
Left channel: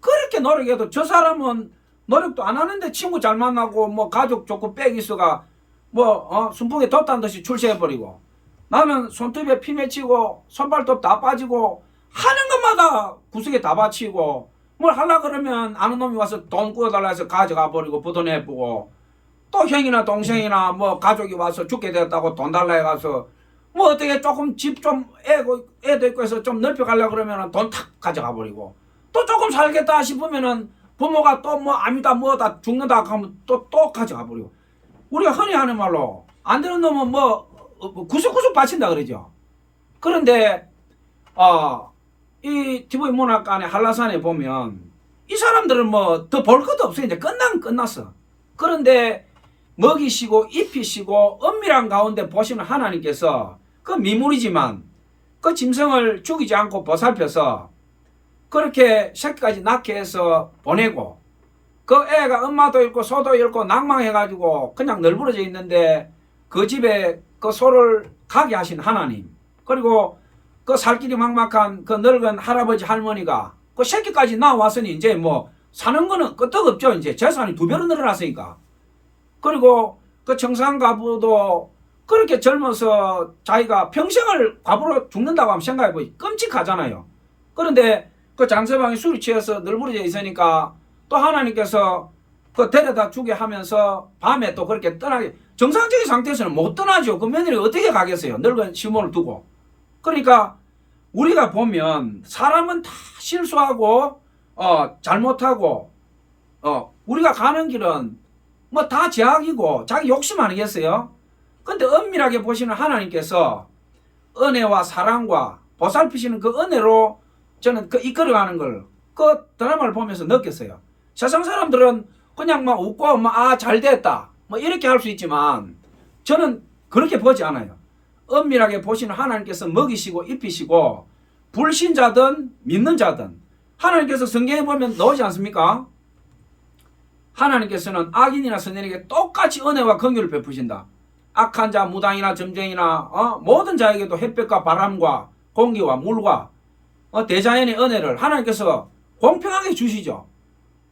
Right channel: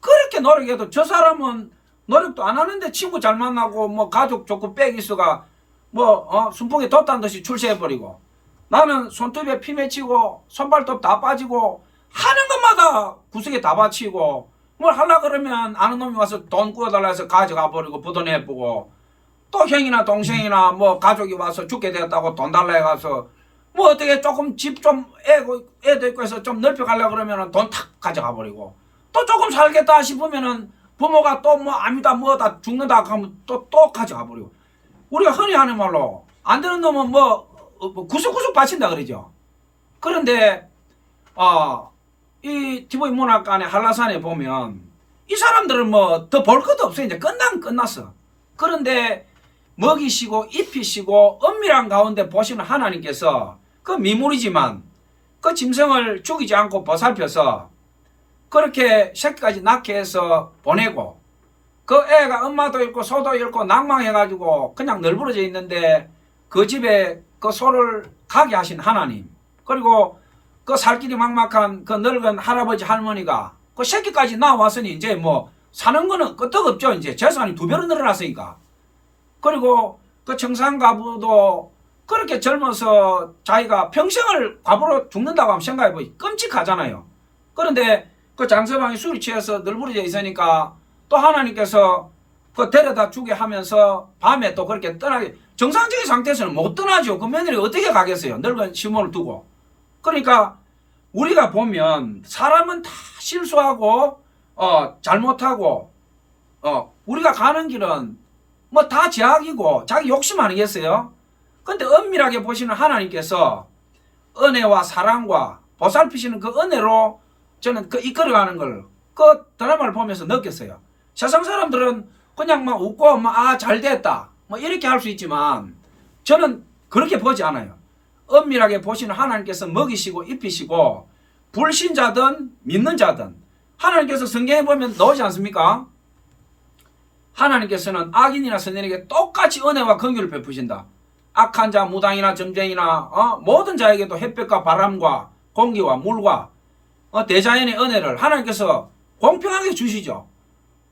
그렇게 노력해도 저 사람은 노력도 안 하는데 친구 잘 만나고 뭐 가족 좋고 빽 있어가 뭐 순풍에 돛단 듯이 출세해버리고 나는 손톱에 피 맺히고 손발톱 다 빠지고 하는 것마다 구석에 다 바치고 뭘 하려 그러면 아는 놈이 와서 돈 구워달라 해서 가져가 버리고 부도내보고 또 형이나 동생이나 뭐 가족이 와서 죽게 되었다고 돈 달라 해가서 뭐 어떻게 조금 집 좀 애도 있고 해서 좀 넓혀 가려고 그러면은 돈 탁 가져가 버리고 또 조금 살겠다 싶으면은 부모가 또 뭐 아니다 뭐다 죽는다 하면 또 가져가 버리고 우리가 흔히 하는 말로 안 되는 놈은 뭐 구석구석 바친다 그러죠. 그런데 이 TV 문학관의 한라산에 보면 이 사람들은 뭐 더 볼 것도 없어요. 이제 끝났어. 그런데 먹이시고 입히시고 엄밀한 가운데 보시는 하나님께서 그 미물이지만 그 짐승을 죽이지 않고 보살펴서 그렇게 새끼까지 낳게 해서 보내고 그 애가 엄마도 잃고 소도 잃고 낭망해가지고 그냥 널브러져 있는데 그 집에 그 소를 가게 하신 하나님 그리고 그 살 길이 막막한 그 늙은 할아버지 할머니가 그 새끼까지 나왔으니 이제 뭐 사는 거는 끄떡없죠. 이제 재산이 2배로 늘어났으니까. 그리고 그 청산가부도 그렇게 젊어서 자기가 평생을 과부로 죽는다고 하면 생각해보니 끔찍하잖아요. 그런데 그 장서방이 술이 취해서 널브러져 있으니까 또 하나님께서 그 데려다 주게 하면서 밤에 또 그렇게 떠나게 정상적인 상태에서는 못 떠나죠. 그 며느리 어떻게 가겠어요. 늙은 시몬을 두고. 그러니까 우리가 보면 사람은 다 실수하고 잘못하고 우리가 가는 길은 뭐 다 제약이고 자기 욕심 아니겠어요? 근데 엄밀하게 보시는 하나님께서 은혜와 사랑과 보살피시는 그 은혜로 저는 그 이끌어가는 걸 그 드라마를 보면서 느꼈어요. 세상 사람들은 그냥 막 웃고 막 잘 됐다 뭐 이렇게 할 수 있지만 저는 그렇게 보지 않아요. 엄밀하게 보시는 하나님께서 먹이시고 입히시고 불신자든 믿는 자든 하나님께서 성경에 보면 나오지 않습니까? 하나님께서는 악인이나 선인에게 똑같이 은혜와 긍휼을 베푸신다. 악한 자, 무당이나 점쟁이나 모든 자에게도 햇볕과 바람과 공기와 물과 대자연의 은혜를 하나님께서 공평하게 주시죠.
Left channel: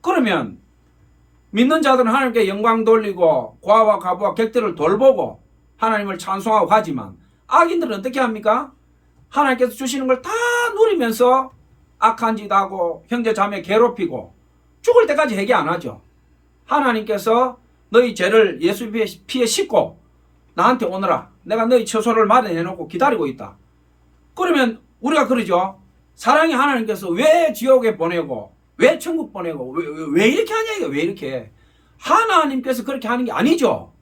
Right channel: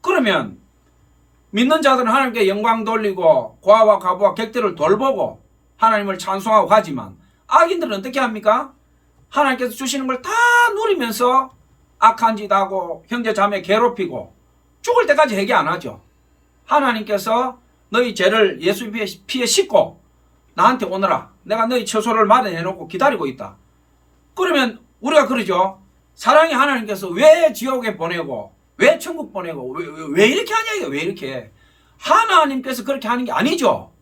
그러면 믿는 자들은 하나님께 영광 돌리고 고아와 과부와 객들을 돌보고 하나님을 찬송하고 가지만 악인들은 어떻게 합니까? 하나님께서 주시는 걸 다 누리면서 악한 짓 하고 형제 자매 괴롭히고 죽을 때까지 회개 안 하죠. 하나님께서 너희 죄를 예수 피에 씻고 나한테 오너라. 내가 너희 처소를 마련해 놓고 기다리고 있다. 그러면 우리가 그러죠. 사랑의 하나님께서 왜 지옥에 보내고 왜 천국 보내고 왜 이렇게 하냐 이거 왜 이렇게. 하나님께서 그렇게 하는 게 아니죠.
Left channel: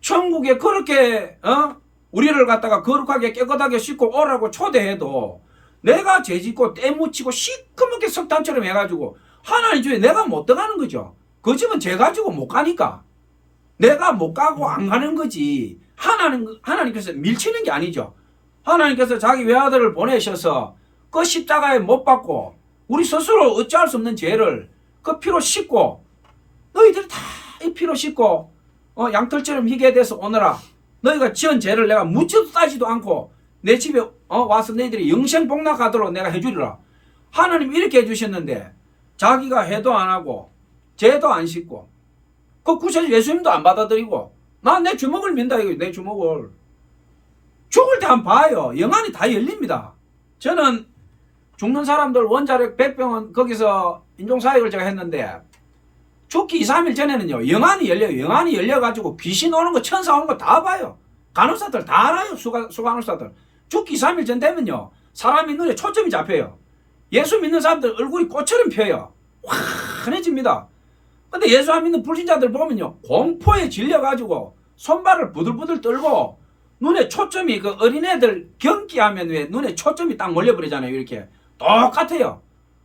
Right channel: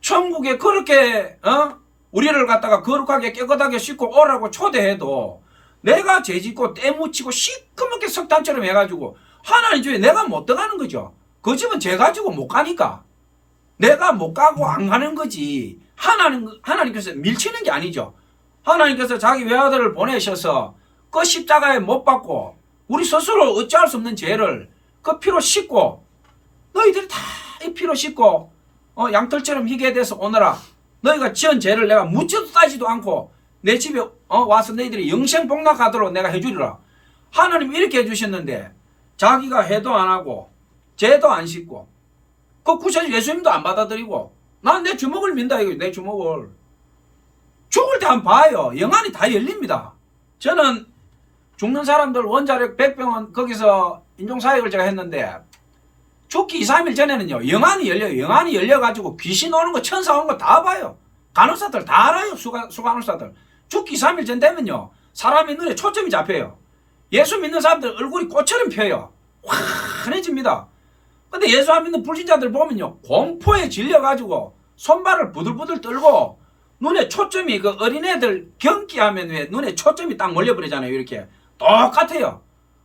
천국에 그렇게 우리를 갖다가 거룩하게 깨끗하게 씻고 오라고 초대해도 내가 죄짓고 때묻히고 시커멓게 석탄처럼 해가지고 하나님 집에 내가 못 들어가는 거죠. 그 집은 죄 가지고 못 가니까 내가 못 가고 안 가는 거지. 하나님께서 밀치는 게 아니죠. 하나님께서 자기 외아들을 보내셔서 그 십자가에 못 박고 우리 스스로 어찌할 수 없는 죄를 그 피로 씻고 너희들이 다 이 피로 씻고 양털처럼 희게 돼서 오너라. 너희가 지은 죄를 내가 묻지도 따지도 않고 내 집에 와서 너희들이 영생복락하도록 내가 해주리라. 하나님 이렇게 해주셨는데 자기가 해도 안 하고 죄도 안 씻고 그 구세주 예수님도 안 받아들이고 난 내 주먹을 민다 이거. 내 주먹을 죽을 때 한번 봐요. 영안이 다 열립니다. 저는 죽는 사람들 원자력 100병원 거기서 인종사역을 제가 했는데 죽기 2, 3일 전에는요 영안이 열려요. 영안이 열려가지고 귀신 오는 거 천사 오는 거 다 봐요. 간호사들 다 알아요. 수간호사들 죽기 2, 3일 전 되면요 사람이 눈에 초점이 잡혀요. 예수 믿는 사람들 얼굴이 꽃처럼 펴요. 환해집니다. 근데 예수 안 믿는 불신자들 보면요 공포에 질려가지고 손발을 부들부들 떨고 눈에 초점이 그 어린애들 경기하면 왜 눈에 초점이 딱 몰려버리잖아요. 이렇게 똑같아요.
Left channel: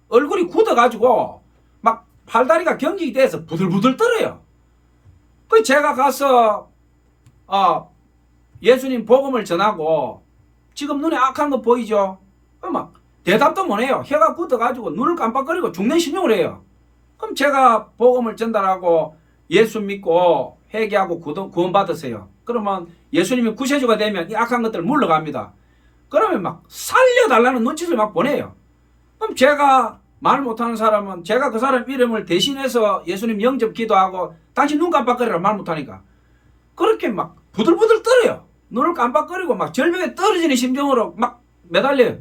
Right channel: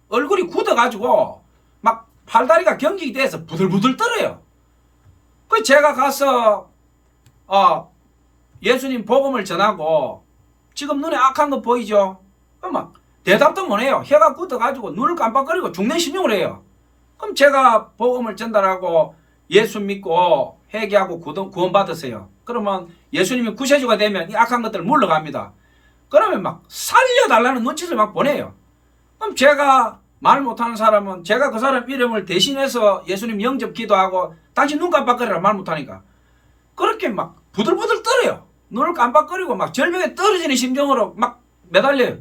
얼굴이 굳어가지고 막 팔다리가 경직이 돼서 부들부들 떨어요. 그 제가 가서 예수님 복음을 전하고 지금 눈에 악한 거 보이죠? 막 대답도 못해요. 혀가 굳어가지고 눈을 깜빡거리고 죽는 신용을 해요. 그럼 제가 복음을 전달하고 예수 믿고 회개하고 구원 받으세요. 그러면 예수님이 구세주가 되면 이 악한 것들 물러갑니다. 그러면 막 살려달라는 눈짓을 막 보내요. 그럼 제가 말 못하는 사람은 제가 그 사람 이름을 대신해서 예수님 영접 기도하고 당신 눈 깜빡거리라 말 못하니까 그렇게 막 부들부들 떨어요. 눈을 깜빡거리고 막 절벽에 떨어지는 심정으로 막 매달려요.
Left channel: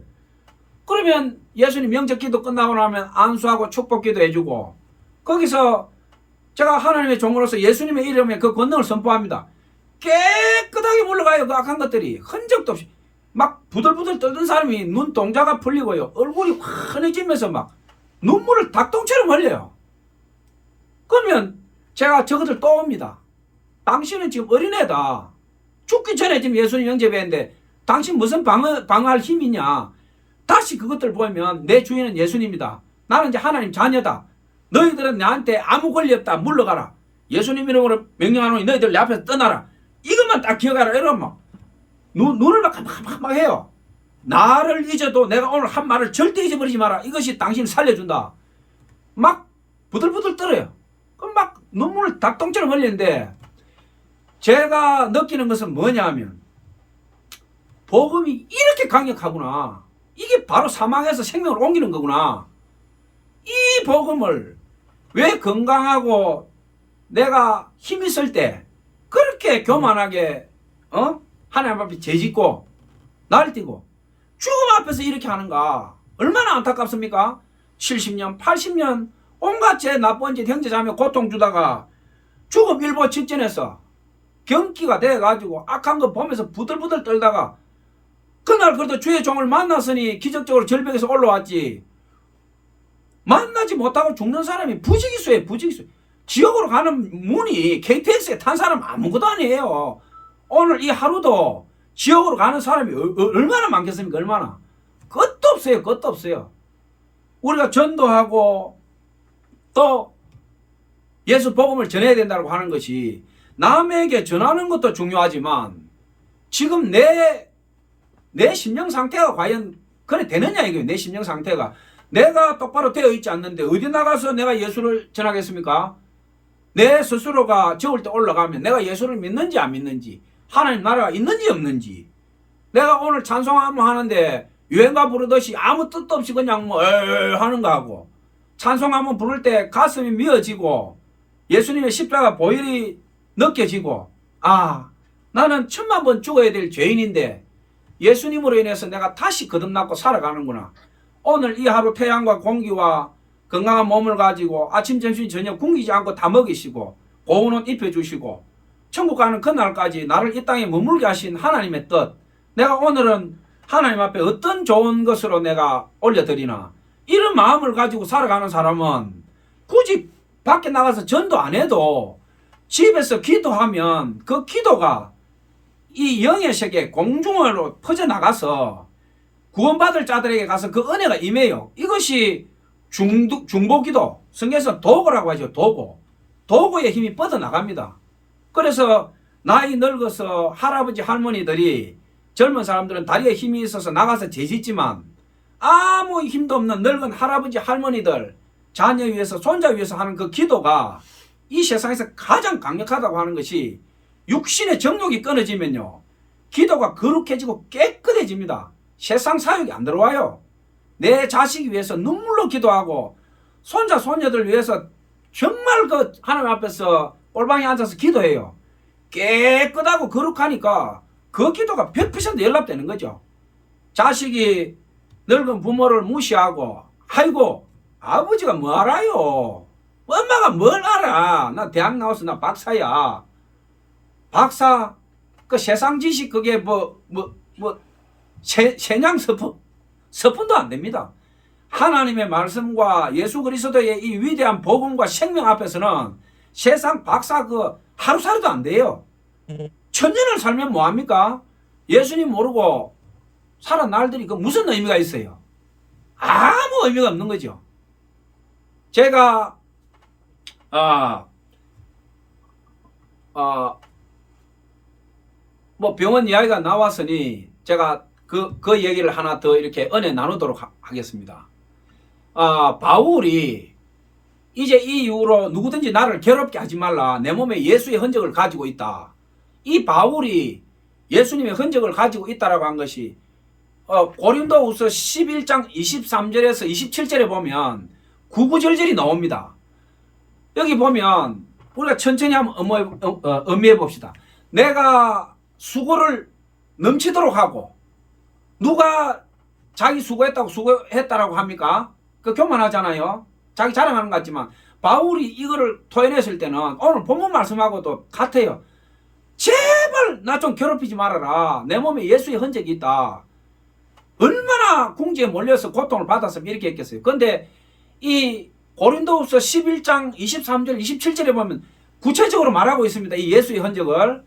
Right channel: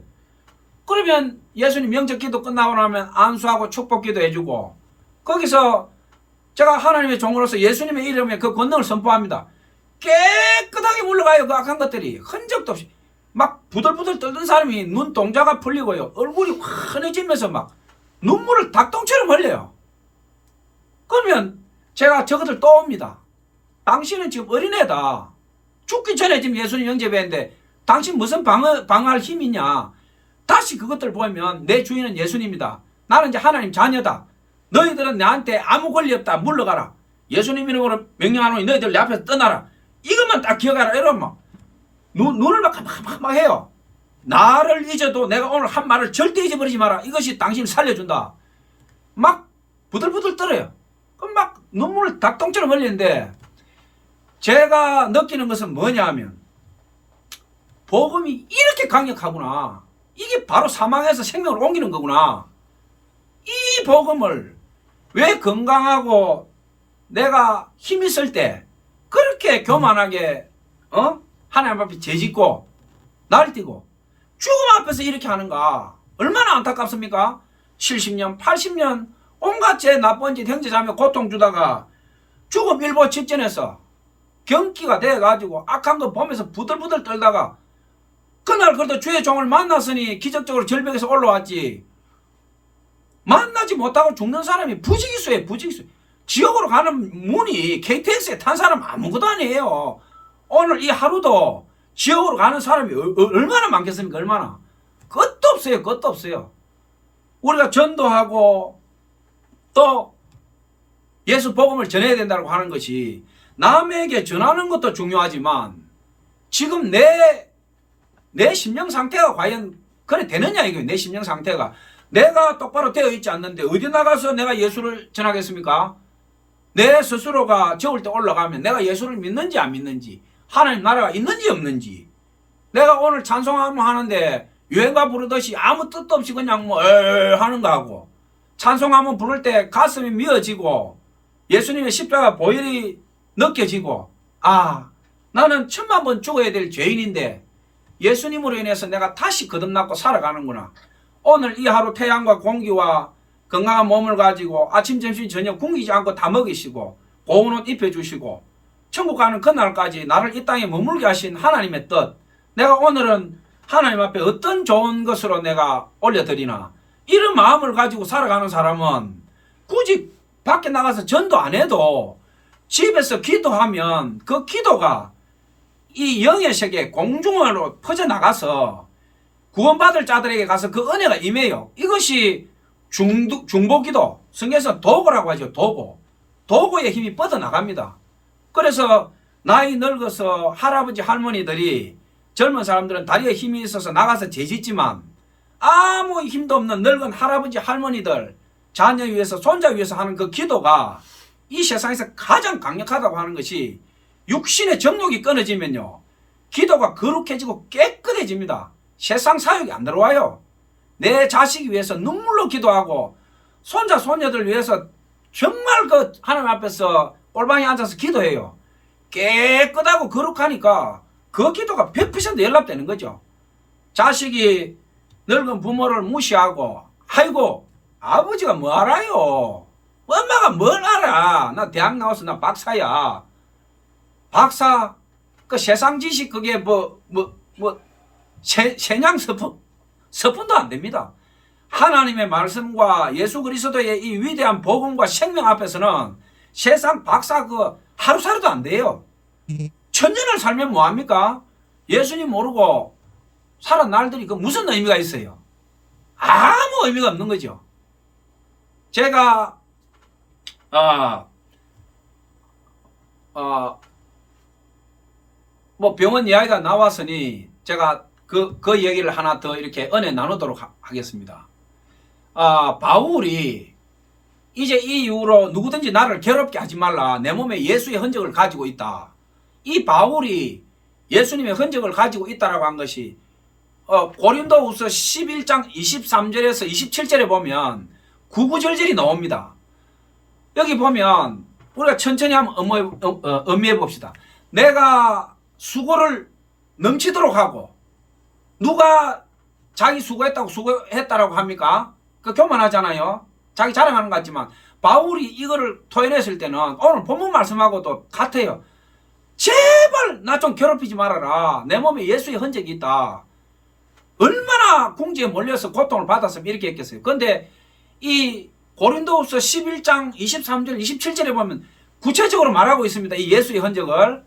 그러면 예수님 영접 기도 끝나고 나면 안수하고 축복 기도 해주고 거기서 제가 하나님의 종으로서 예수님의 이름에 그 권능을 선포합니다. 깨끗하게 물러가요. 그 악한 것들이 흔적도 없이 막 부들부들 떨던 사람이 눈동자가 풀리고요. 얼굴이 환해지면서 막 눈물을 닭똥처럼 흘려요. 그러면 제가 저것들 또 옵니다. 당신은 지금 어린애다. 죽기 전에 지금 예수님 영접했는데 당신 무슨 방어할 힘이 있냐. 다시 그것들 보면 내 주인은 예수님이다. 나는 이제 하나님 자녀다. 너희들은 나한테 아무 권리 없다. 물러가라. 예수님 이름으로 명령하노니 너희들 내 앞에서 떠나라. 이것만 딱 기억하라. 이러면 눈을 막 해요. 나를 잊어도 내가 오늘 한 말을 절대 잊어버리지 마라. 이것이 당신을 살려준다. 막 부들부들 떨어요. 그럼 막 눈물을 닭똥처럼 흘리는데 제가 느끼는 것은 뭐냐 하면 복음이 이렇게 강력하구나. 이게 바로 사망에서 생명을 옮기는 거구나. 이 복음을 왜 건강하고 내가 힘 있을 때 그렇게 교만하게 하나님 앞에 죄짓고 날뛰고 죽음 앞에서 이렇게 하는가. 얼마나 안타깝습니까? 70년 80년 온갖 죄 나쁜 짓 형제자매 고통 주다가 죽음 일보 직전에서 경기가 돼가지고 악한 거 보면서 부들부들 떨다가 그날 그래도 주의 종을 만났으니 기적적으로 절벽에서 올라왔지. 만나지 못하고 죽는 사람이 부지기수예요. 부지기수. 지옥으로 가는 문이 KTX에 탄 사람 아무것도 아니에요. 오늘 이 하루도 지옥으로 가는 사람이 얼마나 많겠습니까? 얼마나. 끝도 없어요. 끝도 없어요. 우리가 전도하고 또 예수 복음을 전해야 된다고 하는 것이 남에게 전하는 것도 중요하지만 지금 내 심령 상태가 과연 그래 되느냐 이거예요. 내 심령 상태가. 내가 똑바로 되어 있지 않는데 어디 나가서 내가 예수를 전하겠습니까? 내 스스로가 적을 때 올라가면 내가 예수를 믿는지 안 믿는지 하나님 나라가 있는지 없는지 내가 오늘 찬송하면 하는데 유행가 부르듯이 아무 뜻도 없이 그냥 뭐 하는 거 하고, 찬송 한번 부를 때 가슴이 미어지고 예수님의 십자가 보혈이 느껴지고, 아, 나는 1000만 번 죽어야 될 죄인인데 예수님으로 인해서 내가 다시 거듭났고 살아가는구나. 오늘 이 하루 태양과 공기와 건강한 몸을 가지고 아침 점심 저녁 굶기지 않고 다 먹이시고 고운 옷 입혀주시고 천국 가는 그날까지 나를 이 땅에 머물게 하신 하나님의 뜻, 내가 오늘은 하나님 앞에 어떤 좋은 것으로 내가 올려드리나, 이런 마음을 가지고 살아가는 사람은 굳이 밖에 나가서 전도 안 해도 집에서 기도하면 그 기도가 이 영의 세계 공중으로 퍼져나가서 구원받을 자들에게 가서 그 은혜가 임해요. 이것이 중보기도, 성경에서 도구라고 하죠. 도구의 힘이 뻗어나갑니다. 그래서 나이 늙어서 할아버지 할머니들이, 젊은 사람들은 다리에 힘이 있어서 나가서 죄짓지만 아무 힘도 없는 늙은 할아버지 할머니들 자녀 위해서 손자 위해서 하는 그 기도가 이 세상에서 가장 강력하다고 하는 것이, 육신의 정욕이 끊어지면요 기도가 거룩해지고 깨끗해집니다. 세상 사욕이 안 들어와요. 내 자식 위해서 눈물로 기도하고 손자 손녀들 위해서 정말 그 하나님 앞에서 꼴방에 앉아서 기도해요. 깨끗하고 거룩하니까 그 기도가 100% 연락되는 거죠. 자식이 늙은 부모를 무시하고, 아이고 아버지가 뭐 알아요, 엄마가 뭘 알아, 나 대학 나와서 나 박사야. 박사 그 세상 지식 그게 세냥 서푼도 안 됩니다. 하나님의 말씀과 예수 그리스도의 이 위대한 복음과 생명 앞에서는 세상 박사 그 하루살이도 안 돼요. 1000년을 살면 뭐합니까? 예수님 모르고 살은 날들이 그 무슨 의미가 있어요? 아무 의미가 없는 거죠. 제가 뭐 병원 이야기가 나왔으니 제가 그 얘기를 하나 더 이렇게 은혜 나누도록 하겠습니다. 바울이 이제 이 이후로 누구든지 나를 괴롭게 하지 말라, 내 몸에 예수의 흔적을 가지고 있다. 이 바울이 예수님의 흔적을 가지고 있다라고 한 것이 고린도후서 11장 23절에서 27절에 보면 구구절절이 나옵니다. 여기 보면 우리가 천천히 한번 음미해 봅시다. 내가 수고를 넘치도록 하고, 누가 자기 수고했다라고 합니까? 그 교만하잖아요. 자기 자랑하는 것 같지만 바울이 이거를 토해냈을 때는 오늘 본문 말씀하고도 같아요. 제발 나 좀 괴롭히지 말아라, 내 몸에 예수의 흔적이 있다. 얼마나 궁지에 몰려서 고통을 받았으면 이렇게 했겠어요. 그런데 이 고린도후서 11장 23절 27절에 보면 구체적으로 말하고 있습니다. 이 예수의 흔적을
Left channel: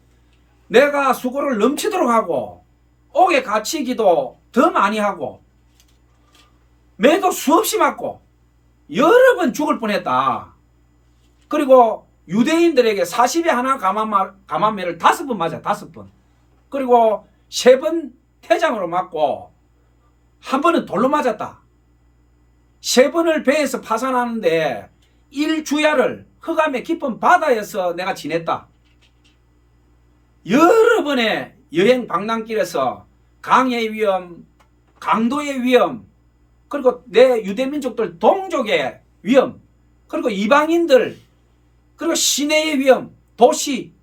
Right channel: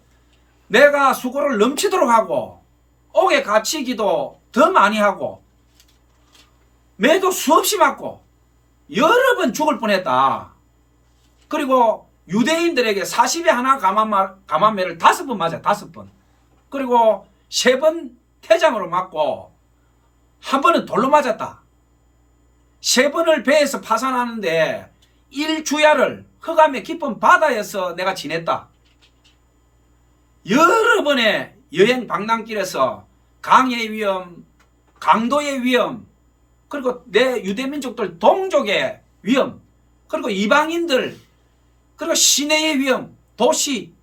내가 수고를 넘치도록 하고, 옥에 갇히기도 더 많이 하고, 매도 수없이 맞고 여러 번 죽을 뻔했다. 그리고 유대인들에게 40에 하나 감한매를 5번 맞아. 5번. 그리고 3번 태장으로 맞고 1번은 돌로 맞았다. 3번을 배에서 파산하는데 1주야를 흑암의 깊은 바다에서 내가 지냈다. 여러 번의 여행 방랑길에서 강의 위험, 강도의 위험, 그리고 내 유대민족들 동족의 위험, 그리고 이방인들, 그리고 시내의 위험, 도시,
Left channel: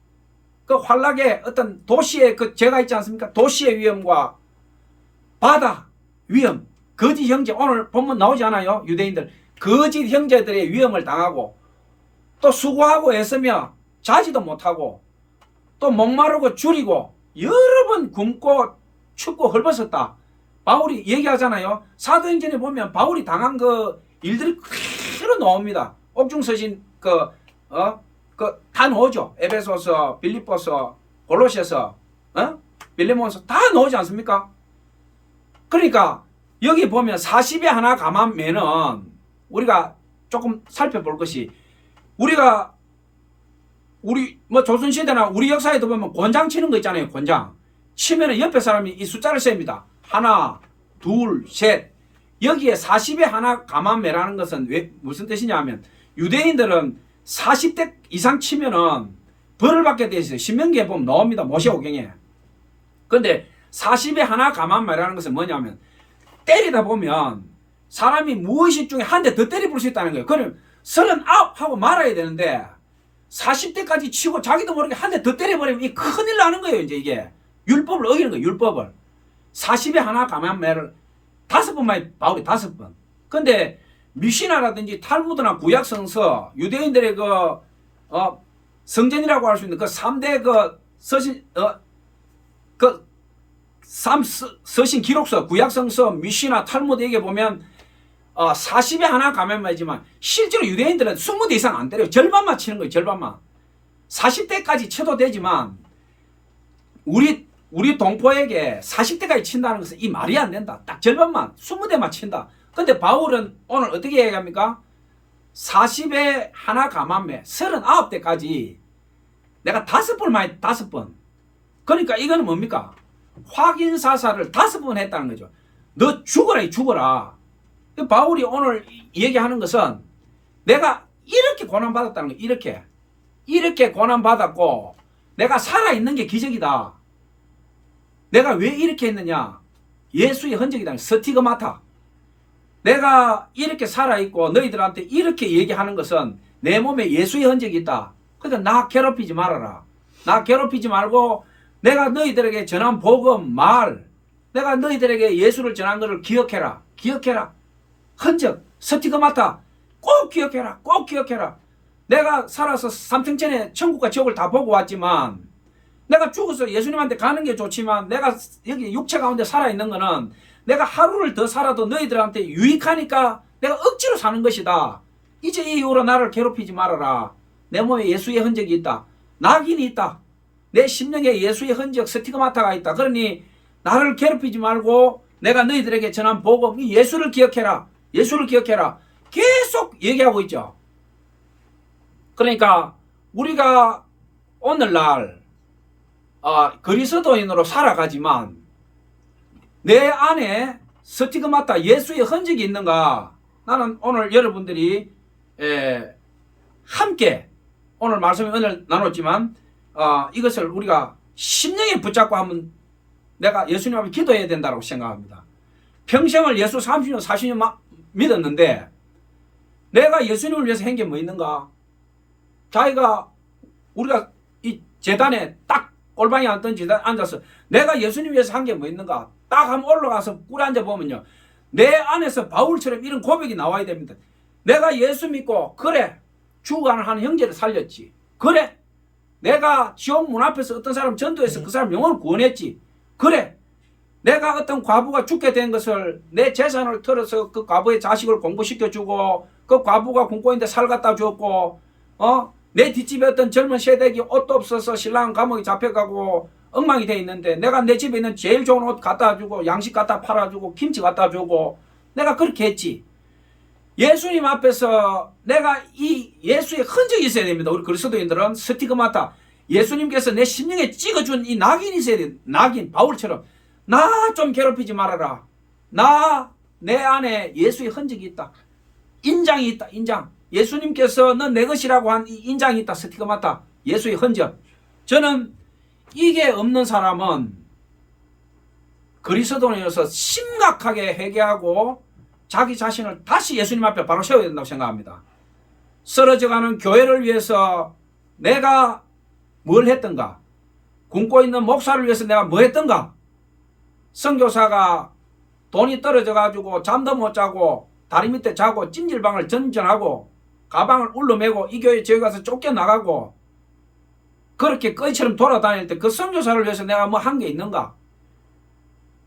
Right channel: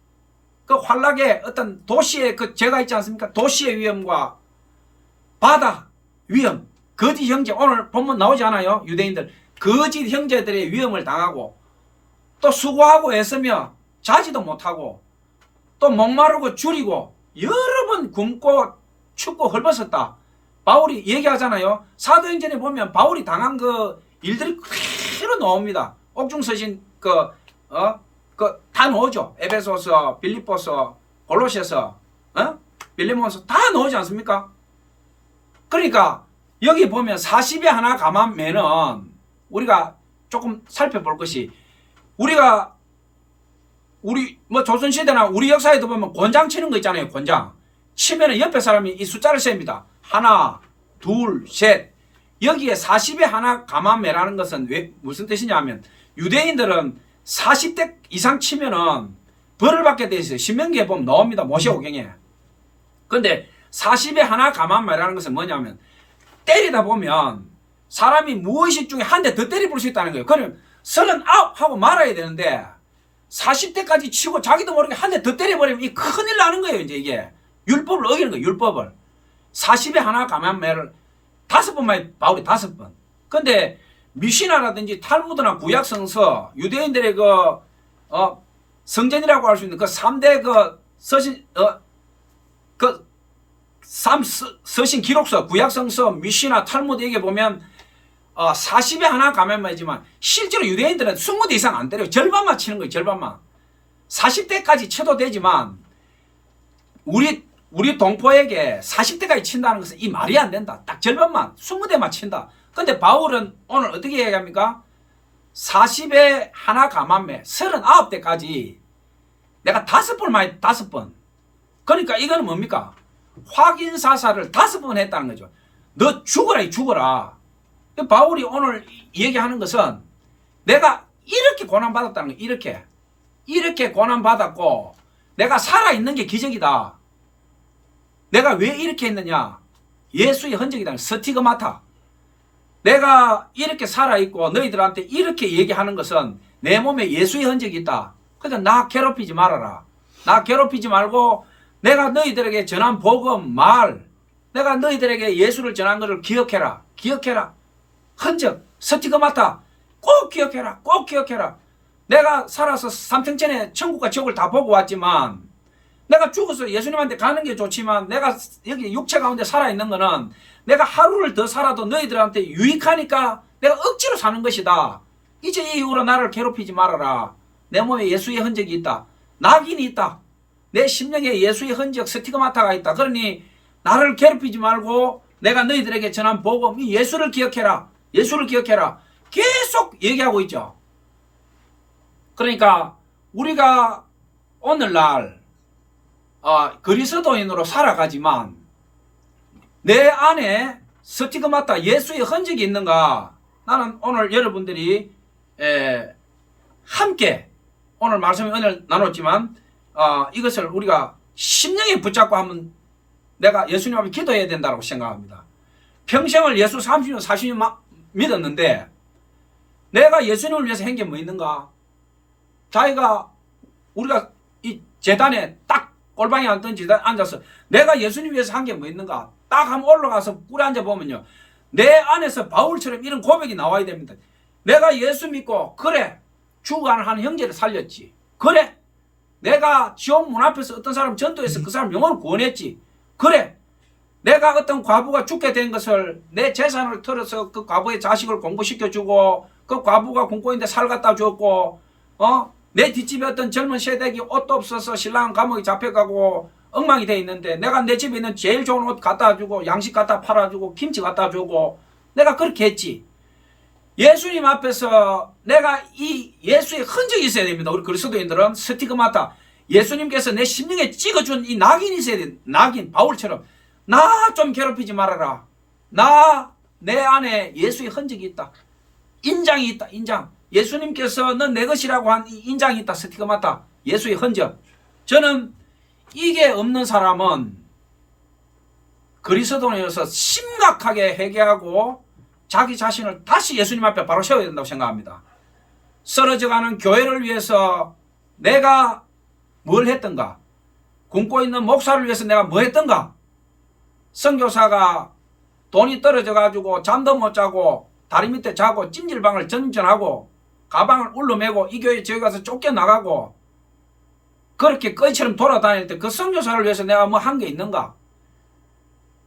그 환락의 어떤 도시의 그 죄가 있지 않습니까? 도시의 위험과 바다 위험, 거짓 형제, 오늘 본문 나오지 않아요? 유대인들 거짓 형제들의 위험을 당하고, 또 수고하고 애쓰며 자지도 못하고, 또 목마르고 줄이고 여러 번 굶고 춥고 헐벗었다. 바울이 얘기하잖아요. 사도행전에 보면 바울이 당한 그 일들이 그대로 나옵니다. 옥중서신 다 나오죠. 에베소서, 빌립보서, 골로새서, 빌레몬서 다 나오지 않습니까? 그러니까 여기 보면 40에 하나 감한매는 우리가 조금 살펴볼 것이, 우리 뭐 조선시대나 우리 역사에도 보면 곤장 치는 거 있잖아요. 곤장 치면은 옆에 사람이 이 숫자를 셉니다. 하나, 둘, 셋. 여기에 40에 하나 감한매라는 것은 무슨 뜻이냐 하면, 유대인들은 40대 이상 치면은 벌을 받게 돼 있어요. 신명기에 보면 나옵니다. 모세오경에. 근데 40에 하나 감한매라는 것은 뭐냐면, 때리다 보면 사람이 무의식 중에 한 대 더 때려볼 수 있다는 거예요. 그럼 39 하고 말아야 되는데 40대까지 치고 자기도 모르게 한 대 더 때려버리면 이 큰일 나는 거예요. 이제 이게 율법을 어기는 거예요. 율법을. 40에 하나 감한매를 5번만 바울이 5번. 근데 미시나라든지 탈무드나 구약성서 유대인들의 성전이라고 할 수 있는 그 3대 서신 서신 기록서 구약성서 미시나 탈무드에게 보면 40에 하나 감한매지만 실제로 유대인들은 20대 이상 안 때려요. 절반만 치는 거예요. 절반만. 40대까지 쳐도 되지만 우리 동포에게 40대까지 친다는 것은 이 말이 안 된다. 딱 절반만 20대만 친다. 근데 바울은 오늘 어떻게 얘기합니까? 40에 하나 감한매 39대까지 내가 5번 많이 5번. 그러니까 이거는 뭡니까? 확인사살을 5번 했다는 거죠. 너 죽어라 죽어라. 바울이 오늘 얘기하는 것은 내가 이렇게 고난받았다는 거예요. 이렇게 고난받았고 내가 살아있는 게 기적이다. 내가 왜 이렇게 했느냐? 예수의 흔적이다. 스티그마타. 내가 이렇게 살아있고 너희들한테 이렇게 얘기하는 것은 내 몸에 예수의 흔적이 있다. 그래서 나 괴롭히지 말아라. 나 괴롭히지 말고 내가 너희들에게 전한 복음, 말, 내가 너희들에게 예수를 전한 것을 기억해라. 기억해라. 흔적, 스티그마타 꼭 기억해라. 꼭 기억해라. 내가 살아서 삼층천에 천국과 지옥을 다 보고 왔지만 내가 죽어서 예수님한테 가는 게 좋지만 내가 여기 육체 가운데 살아있는 거는 내가 하루를 더 살아도 너희들한테 유익하니까 내가 억지로 사는 것이다. 이제 이 이후로 나를 괴롭히지 말아라. 내 몸에 예수의 흔적이 있다. 낙인이 있다. 내 심령에 예수의 흔적 스티그마타가 있다. 그러니 나를 괴롭히지 말고 내가 너희들에게 전한 복음 이 예수를 기억해라. 예수를 기억해라. 계속 얘기하고 있죠. 그러니까 우리가 오늘날 그리스도인으로 살아가지만 내 안에 스티그마타 예수의 흔적이 있는가? 나는 오늘 여러분들이 함께 오늘 말씀에 은혜를 나눴지만 이것을 우리가 심령에 붙잡고 한번 내가 예수님 앞에 기도해야 된다고 생각합니다. 평생을 예수 30년 40년 믿었는데 내가 예수님을 위해서 한 게 뭐 있는가? 자기가 우리가 이 재단에 딱 골방에 앉던 재단에 앉아서 내가 예수님 위해서 한 게 뭐 있는가? 딱 한번 올라가서 꿀에 앉아보면요. 내 안에서 바울처럼 이런 고백이 나와야 됩니다. 내가 예수 믿고 그래 죽어가는 한 형제를 살렸지. 그래 내가 지옥 문 앞에서 어떤 사람 전도해서 그 사람 영혼을 구원했지. 그래 내가 어떤 과부가 죽게 된 것을 내 재산을 털어서 그 과부의 자식을 공부시켜주고 그 과부가 굶고 있는데 살 갖다 줬고 내 뒷집에 어떤 젊은 세대기 옷도 없어서 신랑 감옥에 잡혀가고 엉망이 돼 있는데 내가 내 집에 있는 제일 좋은 옷 갖다 주고 양식 갖다 팔아주고 김치 갖다 주고 내가 그렇게 했지. 예수님 앞에서 내가 이 예수의 흔적이 있어야 됩니다. 우리 그리스도인들은 스티그마타 예수님께서 내 심령에 찍어준 이 낙인이 있어야 돼. 낙인 바울처럼 나 좀 괴롭히지 말아라. 내 안에 예수의 흔적이 있다. 인장이 있다. 인장. 예수님께서 넌 내 것이라고 한 이 인장이 있다. 스티그마타 예수의 흔적. 저는 이게 없는 사람은 그리스도인으로서 심각하게 회개하고 자기 자신을 다시 예수님 앞에 바로 세워야 된다고 생각합니다. 쓰러져가는 교회를 위해서 내가 뭘 했던가? 굶고 있는 목사를 위해서 내가 뭐 했던가? 선교사가 돈이 떨어져가지고 잠도 못 자고 다리 밑에 자고 찜질방을 전전하고 가방을 울러매고 이 교회 저기 가서 쫓겨나가고 그렇게 거지처럼 돌아다닐 때 그 선교사를 위해서 내가 뭐 한 게 있는가?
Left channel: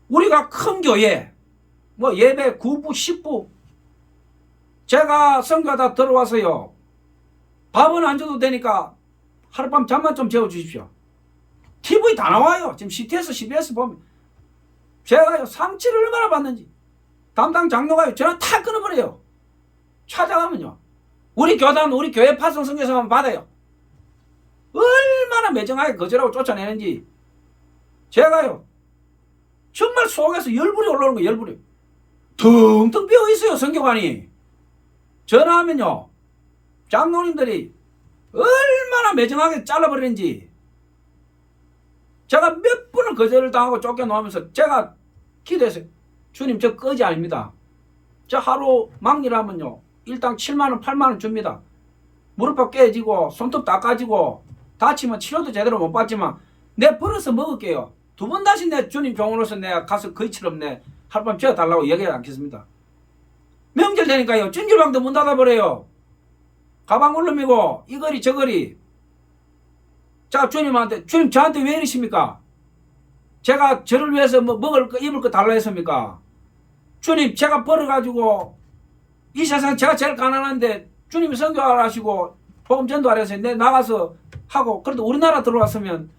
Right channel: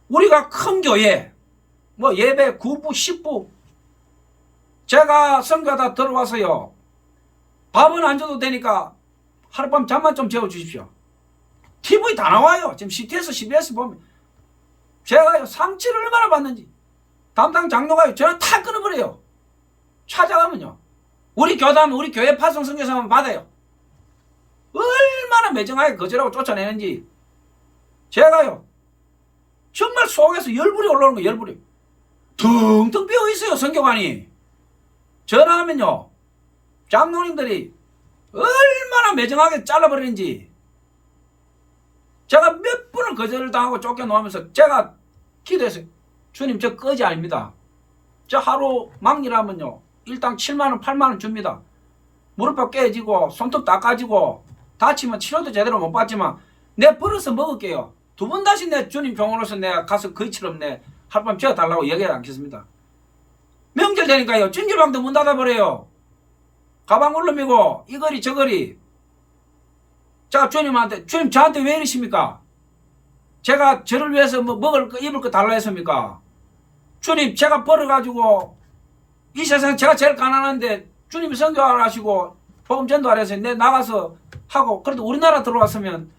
우리가 큰 교회 뭐 예배 9부 10부 제가 선교하다 들어와서요 밥은 안 줘도 되니까 하룻밤 잠만 좀 재워주십시오. TV 다 나와요. 지금 CTS, CBS 보면 제가요 상처를 얼마나 받는지 담당 장로가요 전화 탁 끊어버려요. 찾아가면요 우리 교단 우리 교회 파송 선교사만 받아요. 얼마나 매정하게 거절하고 쫓아내는지 제가요 정말 속에서 열불이 올라오는 거예요. 열불이 텅텅 비어있어요. 선교관이 전화하면요 장로님들이 얼마나 매정하게 잘라버리는지 제가 몇 번을 거절을 당하고 쫓겨나오면서 제가 기도했어요. 주님 저 거지 아닙니다. 저 하루 막일하면요 일당 7만원 8만원 줍니다. 무릎팍 깨지고 손톱 다 까지고 다치면 치료도 제대로 못 받지만 내 벌어서 먹을게요. 두 번 다시 내 주님 종으로서 내가 가서 거의처럼 내 하룻밤 재워달라고 얘기하지 않겠습니다. 명절 되니까요 찜질방도 문 닫아버려요. 가방 울름이고 이거리 저거리. 자 주님한테 주님 저한테 왜 이러십니까? 제가 저를 위해서 뭐 먹을 거 입을 거 달라 했습니까? 주님 제가 벌어가지고 이 세상 제가 제일 가난한데 주님이 선교하라 하시고 복음 전도하라 해서 내 나가서 하고 그래도 우리나라 들어왔으면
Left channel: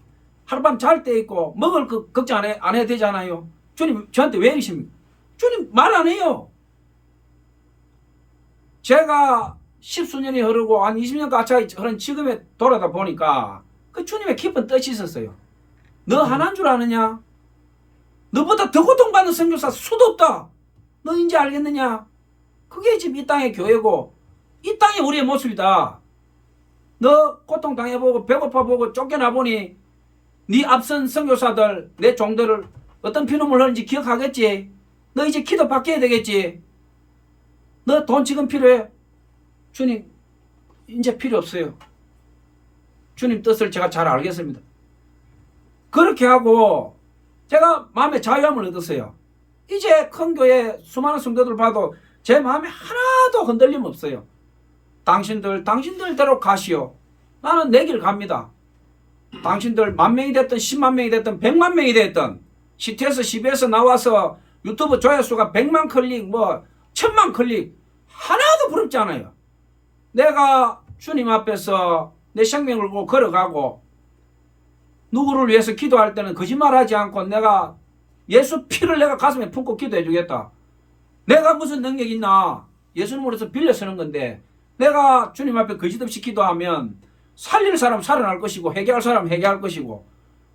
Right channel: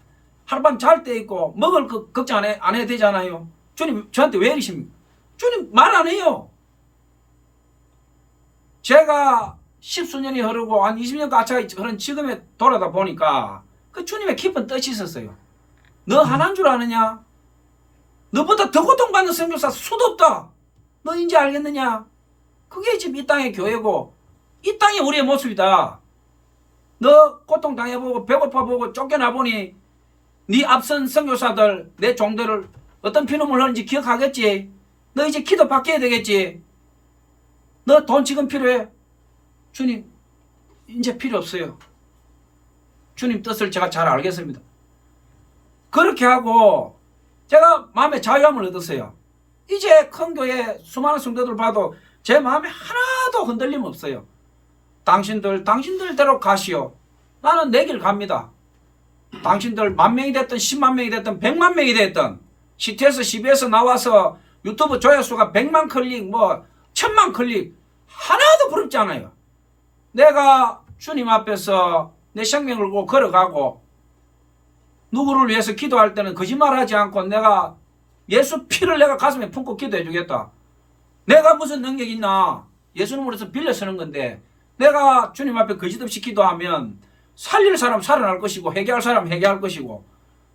하룻밤 잘 때 있고 먹을 거 걱정 안 해도 되잖아요. 주님 저한테 왜 이러십니까? 주님 말 안 해요. 제가 십수년이 흐르고 한 20년 가까이 흐른 지금에 돌아다 보니까 그 주님의 깊은 뜻이 있었어요. 너 하나인 줄 아느냐? 너보다 더 고통받는 선교사 수도 없다. 너 이제 알겠느냐? 그게 지금 이 땅의 교회고 이 땅이 우리의 모습이다. 너 고통당해보고 배고파보고 쫓겨나보니 네 앞선 선교사들 내 종들을 어떤 피눈물 흘린지 기억하겠지? 너 이제 기도 바뀌어야 되겠지? 너 돈 지금 필요해? 주님 이제 필요 없어요. 주님 뜻을 제가 잘 알겠습니다. 그렇게 하고 제가 마음에 자유함을 얻었어요. 이제 큰 교회 수많은 성도들 봐도 제 마음에 하나도 흔들림 없어요. 당신들대로 가시오. 나는 내 길 갑니다. 당신들 10,000명이 됐든 10만 명이 됐든 100만 명이 됐든 CT에서 CB에서 나와서 유튜브 조회수가 100만 클릭 뭐 1000만 클릭 하나도 부럽지 않아요. 내가 주님 앞에서 내 생명을 걸고 걸어가고 누구를 위해서 기도할 때는 거짓말하지 않고 내가 예수 피를 내가 가슴에 품고 기도해 주겠다. 내가 무슨 능력이 있나? 예수님으로서 빌려 쓰는 건데 내가 주님 앞에 거짓 없이 기도하면 살릴 사람 살아날 것이고 회개할 사람 회개할 것이고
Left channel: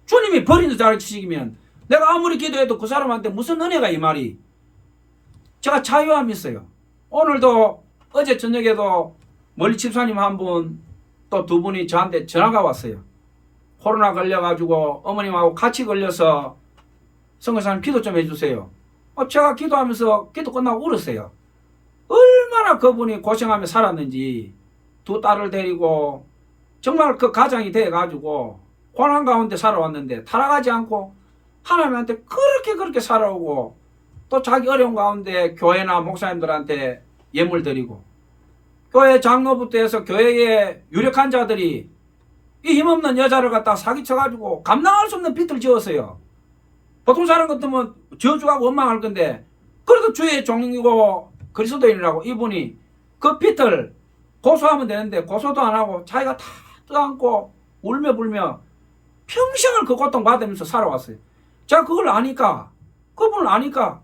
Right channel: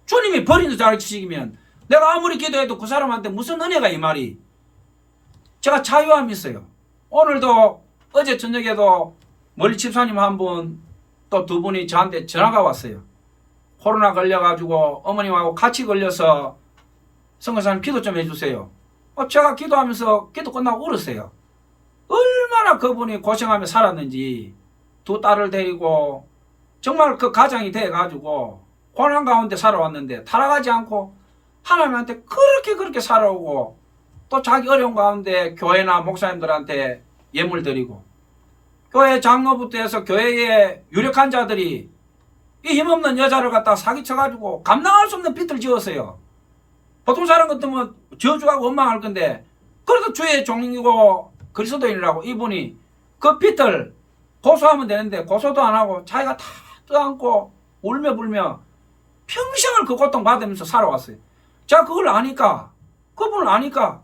주님이 버리는 자식이면 내가 아무리 기도해도 그 사람한테 무슨 은혜가 이 말이. 제가 자유함이 있어요. 오늘도 어제 저녁에도 멀리 집사님 한 분 또 두 분이 저한테 전화가 왔어요. 코로나 걸려가지고 어머님하고 같이 걸려서 선교사님 기도 좀 해주세요. 제가 기도하면서 기도 끝나고 울었어요. 얼마나 그분이 고생하며 살았는지 두 딸을 데리고 정말 그 가장이 돼가지고 고난 가운데 살아왔는데 타락하지 않고 하나님한테 그렇게 살아오고 또 자기 어려운 가운데 교회나 목사님들한테 예물 드리고 교회 장로부터 해서 교회에 유력한 자들이 이 힘없는 여자를 갖다 사기쳐가지고 감당할 수 없는 빚을 지었어요. 보통 사람 같으면 저주하고 원망할 건데 그래도 주의 종이고 그리스도인이라고 이분이 그 빚을 고소하면 되는데 고소도 안 하고 자기가 다 떠안고 울며 불며 평생을 그 고통 받으면서 살아왔어요. 제가 그걸 아니까 그분을 아니까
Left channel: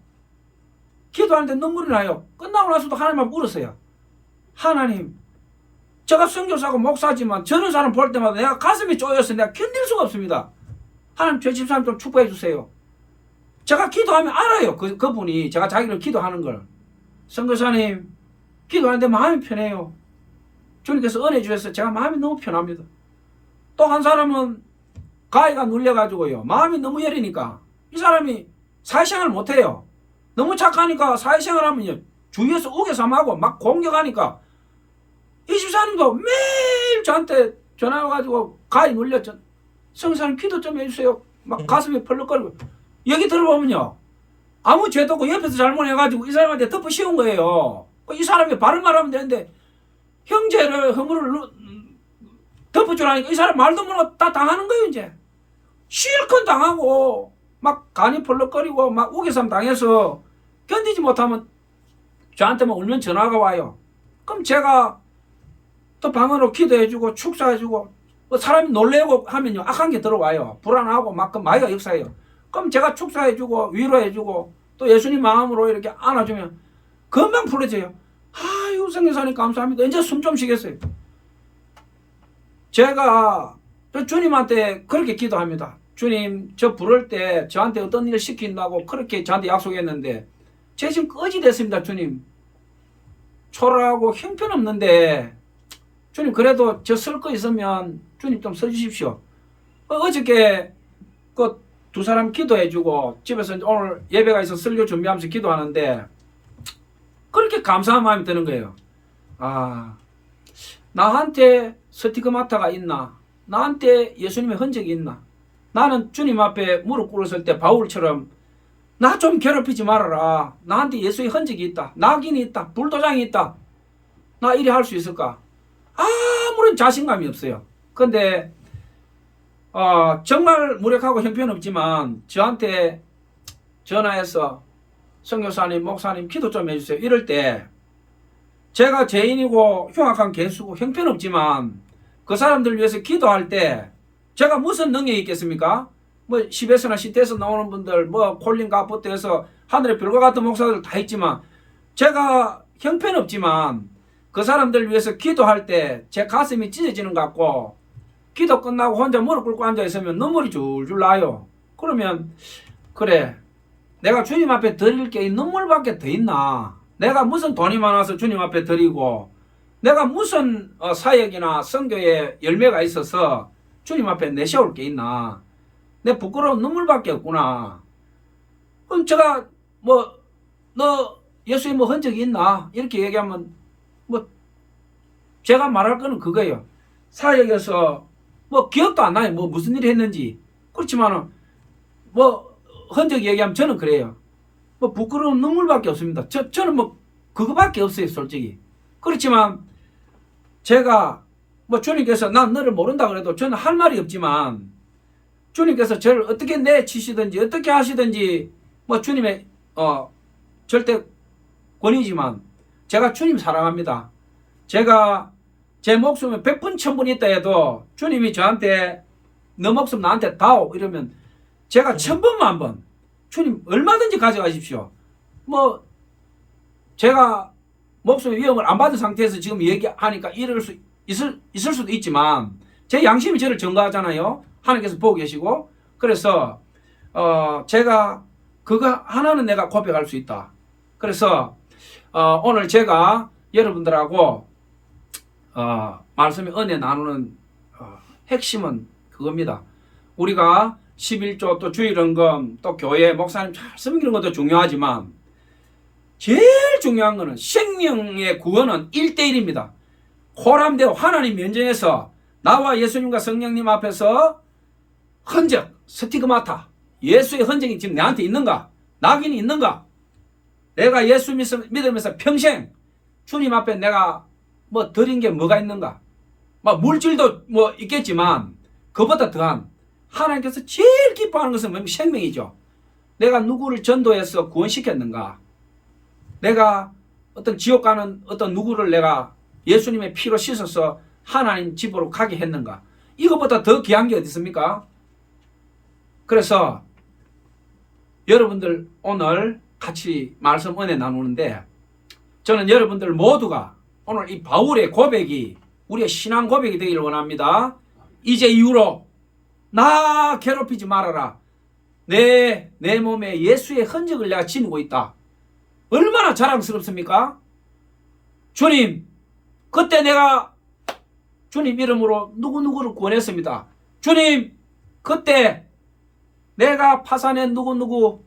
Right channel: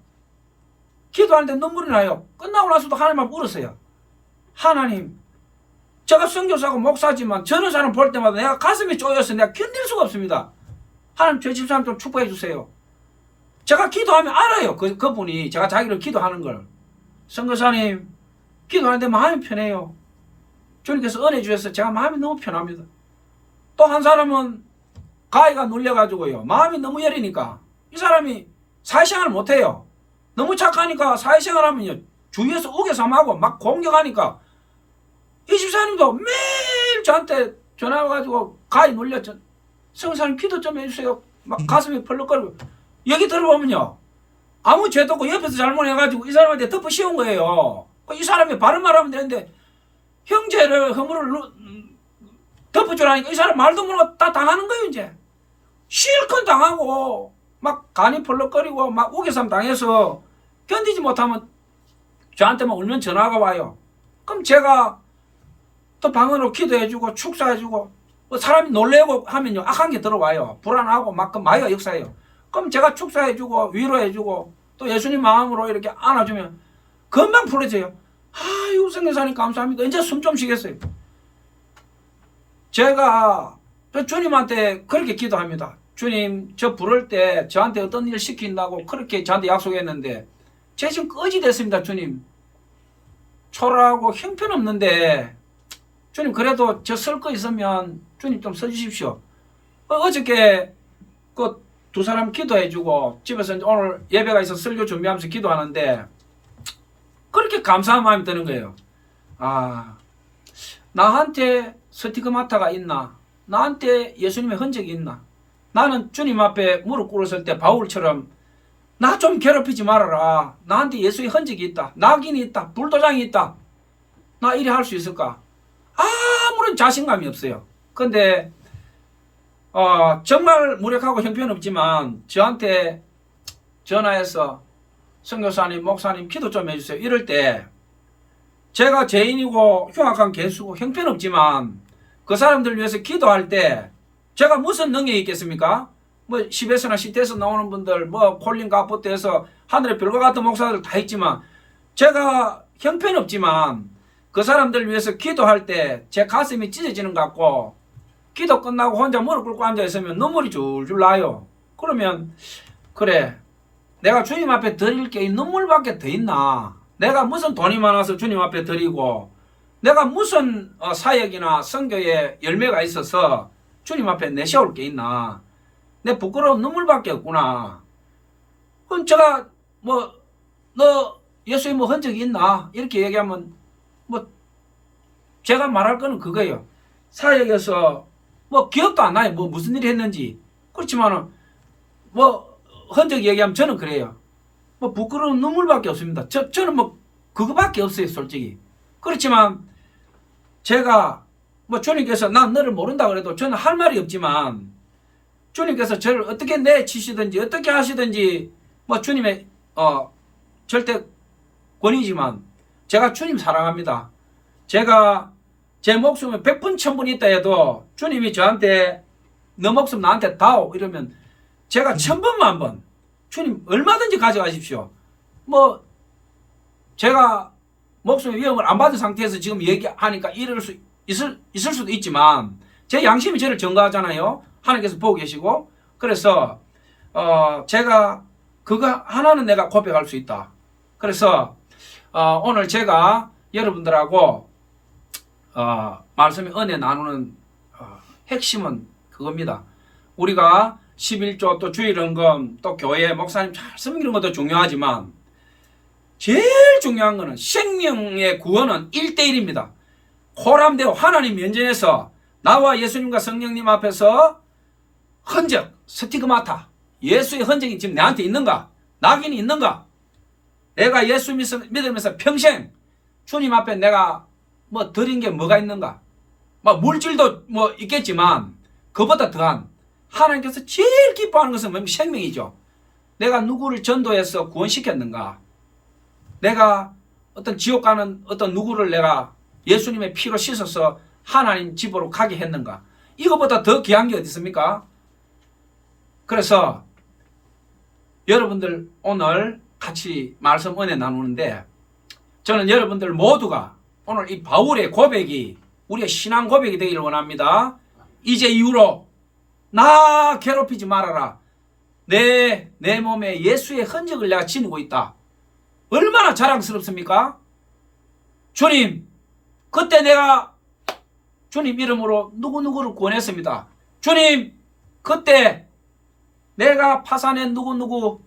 기도하는데 눈물이 나요. 끝나고 나서도 하나님 앞에 울었어요. 하나님 제가 선교사고 목사지만 저런 사람 볼 때마다 내가 가슴이 쪼여서 내가 견딜 수가 없습니다. 하나님 저 집사람 좀 축복해 주세요. 제가 기도하면 알아요. 그분이 제가 자기를 기도하는 걸. 선교사님 기도하는데 마음이 편해요. 주님께서 은혜 주셔서 제가 마음이 너무 편합니다. 또 한 사람은 가위가 눌려가지고요. 마음이 너무 여리니까 이 사람이 사회생활을 못해요. 너무 착하니까 사회생활 하면요. 주위에서 우겨삼하고 막 공격하니까 이 집사님도 매일 저한테 전화 와가지고 가위 눌렸죠. 성사님 기도 좀 해주세요. 막 가슴이 펄럭거리고 여기 들어보면요. 아무 죄도 없고 옆에서 잘못해가지고 이 사람한테 덮어 씌운 거예요. 이 사람이 바른 말하면 되는데 형제를 허물을 덮어주라니까 이 사람 말도 모르고 다 당하는 거예요. 이제 실컷 당하고 막 간이 펄럭거리고 막 우겨삼 당해서 견디지 못하면 저한테만 울면 전화가 와요. 그럼 제가 또 방언으로 기도해주고 축사해주고 뭐 사람이 놀래고 하면요 악한 게 들어와요. 불안하고 막 그 마귀가 역사해요. 그럼 제가 축사해주고 위로해주고 또 예수님 마음으로 이렇게 안아주면 금방 풀어져요. 아유 성교사님 감사합니다. 이제 숨 좀 쉬겠어요. 제가 주님한테 그렇게 기도합니다. 주님 저 부를 때 저한테 어떤 일을 시킨다고 그렇게 저한테 약속했는데 제 지금 거지 됐습니다. 주님 초라하고 형편없는데 주님 그래도 저 쓸 거 있으면 주님 좀 써주십시오. 어저께 그 두 사람 기도해주고 집에서 이제 오늘 예배가 있어 설교 준비하면서 기도하는데 그렇게 감사한 마음이 드는 거예요. 아, 나한테 스티그마타가 있나? 나한테 예수님의 흔적이 있나? 나는 주님 앞에 무릎 꿇었을 때 바울처럼 나 좀 괴롭히지 말아라. 나한테 예수의 흔적이 있다. 낙인이 있다. 불도장이 있다. 나 이래 할 수 있을까? 아무런 자신감이 없어요. 근데 정말 무력하고 형편없지만 저한테 전화해서 선교사님, 목사님 기도 좀 해주세요. 이럴 때 제가 죄인이고 흉악한 개수고 형편없지만 그 사람들 위해서 기도할 때 제가 무슨 능력이 있겠습니까? 뭐 10에서나 10대에서 나오는 분들 뭐 콜린 가포트에서 하늘의 별과 같은 목사들 다 있지만 제가 형편없지만 그 사람들 위해서 기도할 때 제 가슴이 찢어지는 것 같고 기도 끝나고 혼자 무릎 꿇고 앉아있으면 눈물이 줄줄 나요. 그러면 그래 내가 주님 앞에 드릴 게 이 눈물밖에 더 있나? 내가 무슨 돈이 많아서 주님 앞에 드리고 내가 무슨 사역이나 선교에 열매가 있어서 주님 앞에 내세울 게 있나? 내 부끄러운 눈물밖에 없구나. 그럼 제가 뭐 너 예수의 뭐 흔적이 있나? 이렇게 얘기하면 뭐 제가 말할 거는 그거예요. 사역에서 뭐 기억도 안 나요. 뭐 무슨 일이 했는지. 그렇지만은 뭐 흔적 얘기하면 저는 그래요. 뭐 부끄러운 눈물밖에 없습니다. 저는 뭐 그거밖에 없어요, 솔직히. 그렇지만 제가 뭐 주님께서 난 너를 모른다 그래도 저는 할 말이 없지만 주님께서 저를 어떻게 내치시든지 어떻게 하시든지 뭐 주님의 절대 권위지만 제가 주님 사랑합니다. 제가 제 목숨에 100분 1000분 있다 해도 주님이 저한테 너 목숨 나한테 다오 이러면 제가 1000번 만번 주님 얼마든지 가져가십시오. 뭐 제가 목숨의 위험을 안 받은 상태에서 지금 얘기하니까 이럴 수 있을 수도 있지만 제 양심이 저를 증거하잖아요. 하나님께서 보고 계시고 그래서 제가 그거 하나는 내가 고백할 수 있다. 그래서 오늘 제가 여러분들하고 말씀의 은혜 나누는 핵심은 그겁니다. 우리가 11조 또 주일헌금 또 교회 목사님 잘 섬기는 것도 중요하지만 제일 중요한 것은 생명의 구원은 1대1입니다. 호람되어 하나님 면전에서 나와 예수님과 성령님 앞에서 흔적, 스티그마타, 예수의 흔적이 지금 내한테 있는가? 낙인이 있는가? 내가 예수 믿으면서 평생 주님 앞에 내가 뭐 드린 게 뭐가 있는가? 뭐 물질도 뭐 있겠지만 그보다 더한 하나님께서 제일 기뻐하는 것은 뭐냐면 생명이죠. 내가 누구를 전도해서 구원시켰는가? 내가 어떤 지옥 가는 어떤 누구를 내가 예수님의 피로 씻어서 하나님 집으로 가게 했는가? 이거보다 더 귀한 게 어디 있습니까? 그래서 여러분들 오늘 같이 말씀 은혜 나누는데 저는 여러분들 모두가 오늘 이 바울의 고백이 우리의 신앙 고백이 되기를 원합니다. 이제 이후로 나 괴롭히지 말아라. 내 몸에 예수의 흔적을 내가 지니고 있다. 얼마나 자랑스럽습니까? 주님, 그때 내가 주님 이름으로 누구누구를 구원했습니다. 주님, 그때 내가 파산에 누구누구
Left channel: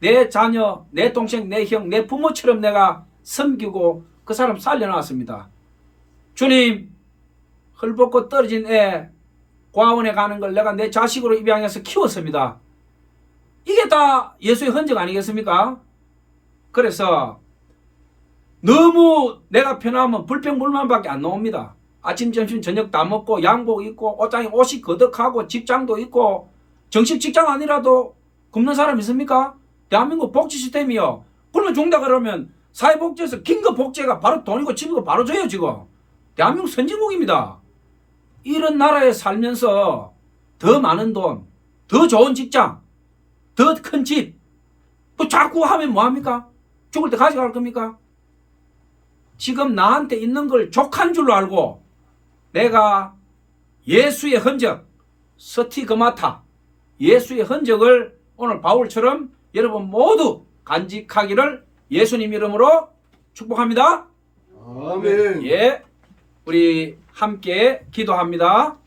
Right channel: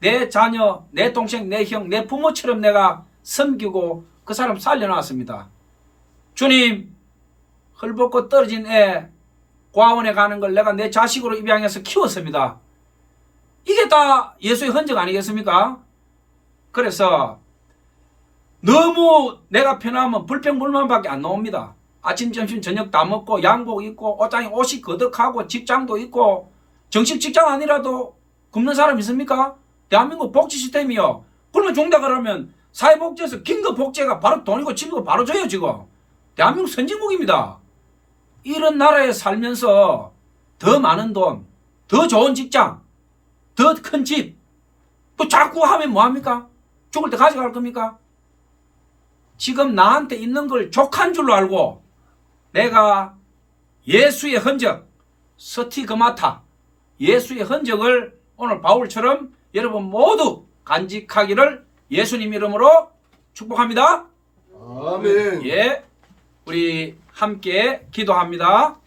내 자녀, 내 동생, 내 형, 내 부모처럼 내가 섬기고 그 사람 살려놨습니다. 주님, 헐벗고 떨어진 애 고아원에 가는 걸 내가 내 자식으로 입양해서 키웠습니다. 이게 다 예수의 흔적 아니겠습니까? 그래서 너무 내가 편하면 불평불만밖에 안 나옵니다. 아침, 점심, 저녁 다 먹고 양복 입고 옷장에 옷이 거덕하고 직장도 있고 정식 직장 아니라도 굶는 사람 있습니까? 대한민국 복지 시스템이요. 그러면 종다 그러면 사회복지에서 긴급 복지가 바로 돈이고 집이고 바로 줘요 지금. 대한민국 선진국입니다. 이런 나라에 살면서 더 많은 돈, 더 좋은 직장, 더 큰 집, 뭐 자꾸 하면 뭐합니까? 죽을 때 가져갈 겁니까? 지금 나한테 있는 걸 족한 줄로 알고 내가 예수의 흔적, 스티그마타, 예수의 흔적을 오늘 바울처럼 여러분 모두 간직하기를 예수님 이름으로 축복합니다. 아멘. 예, 우리 함께 기도합니다.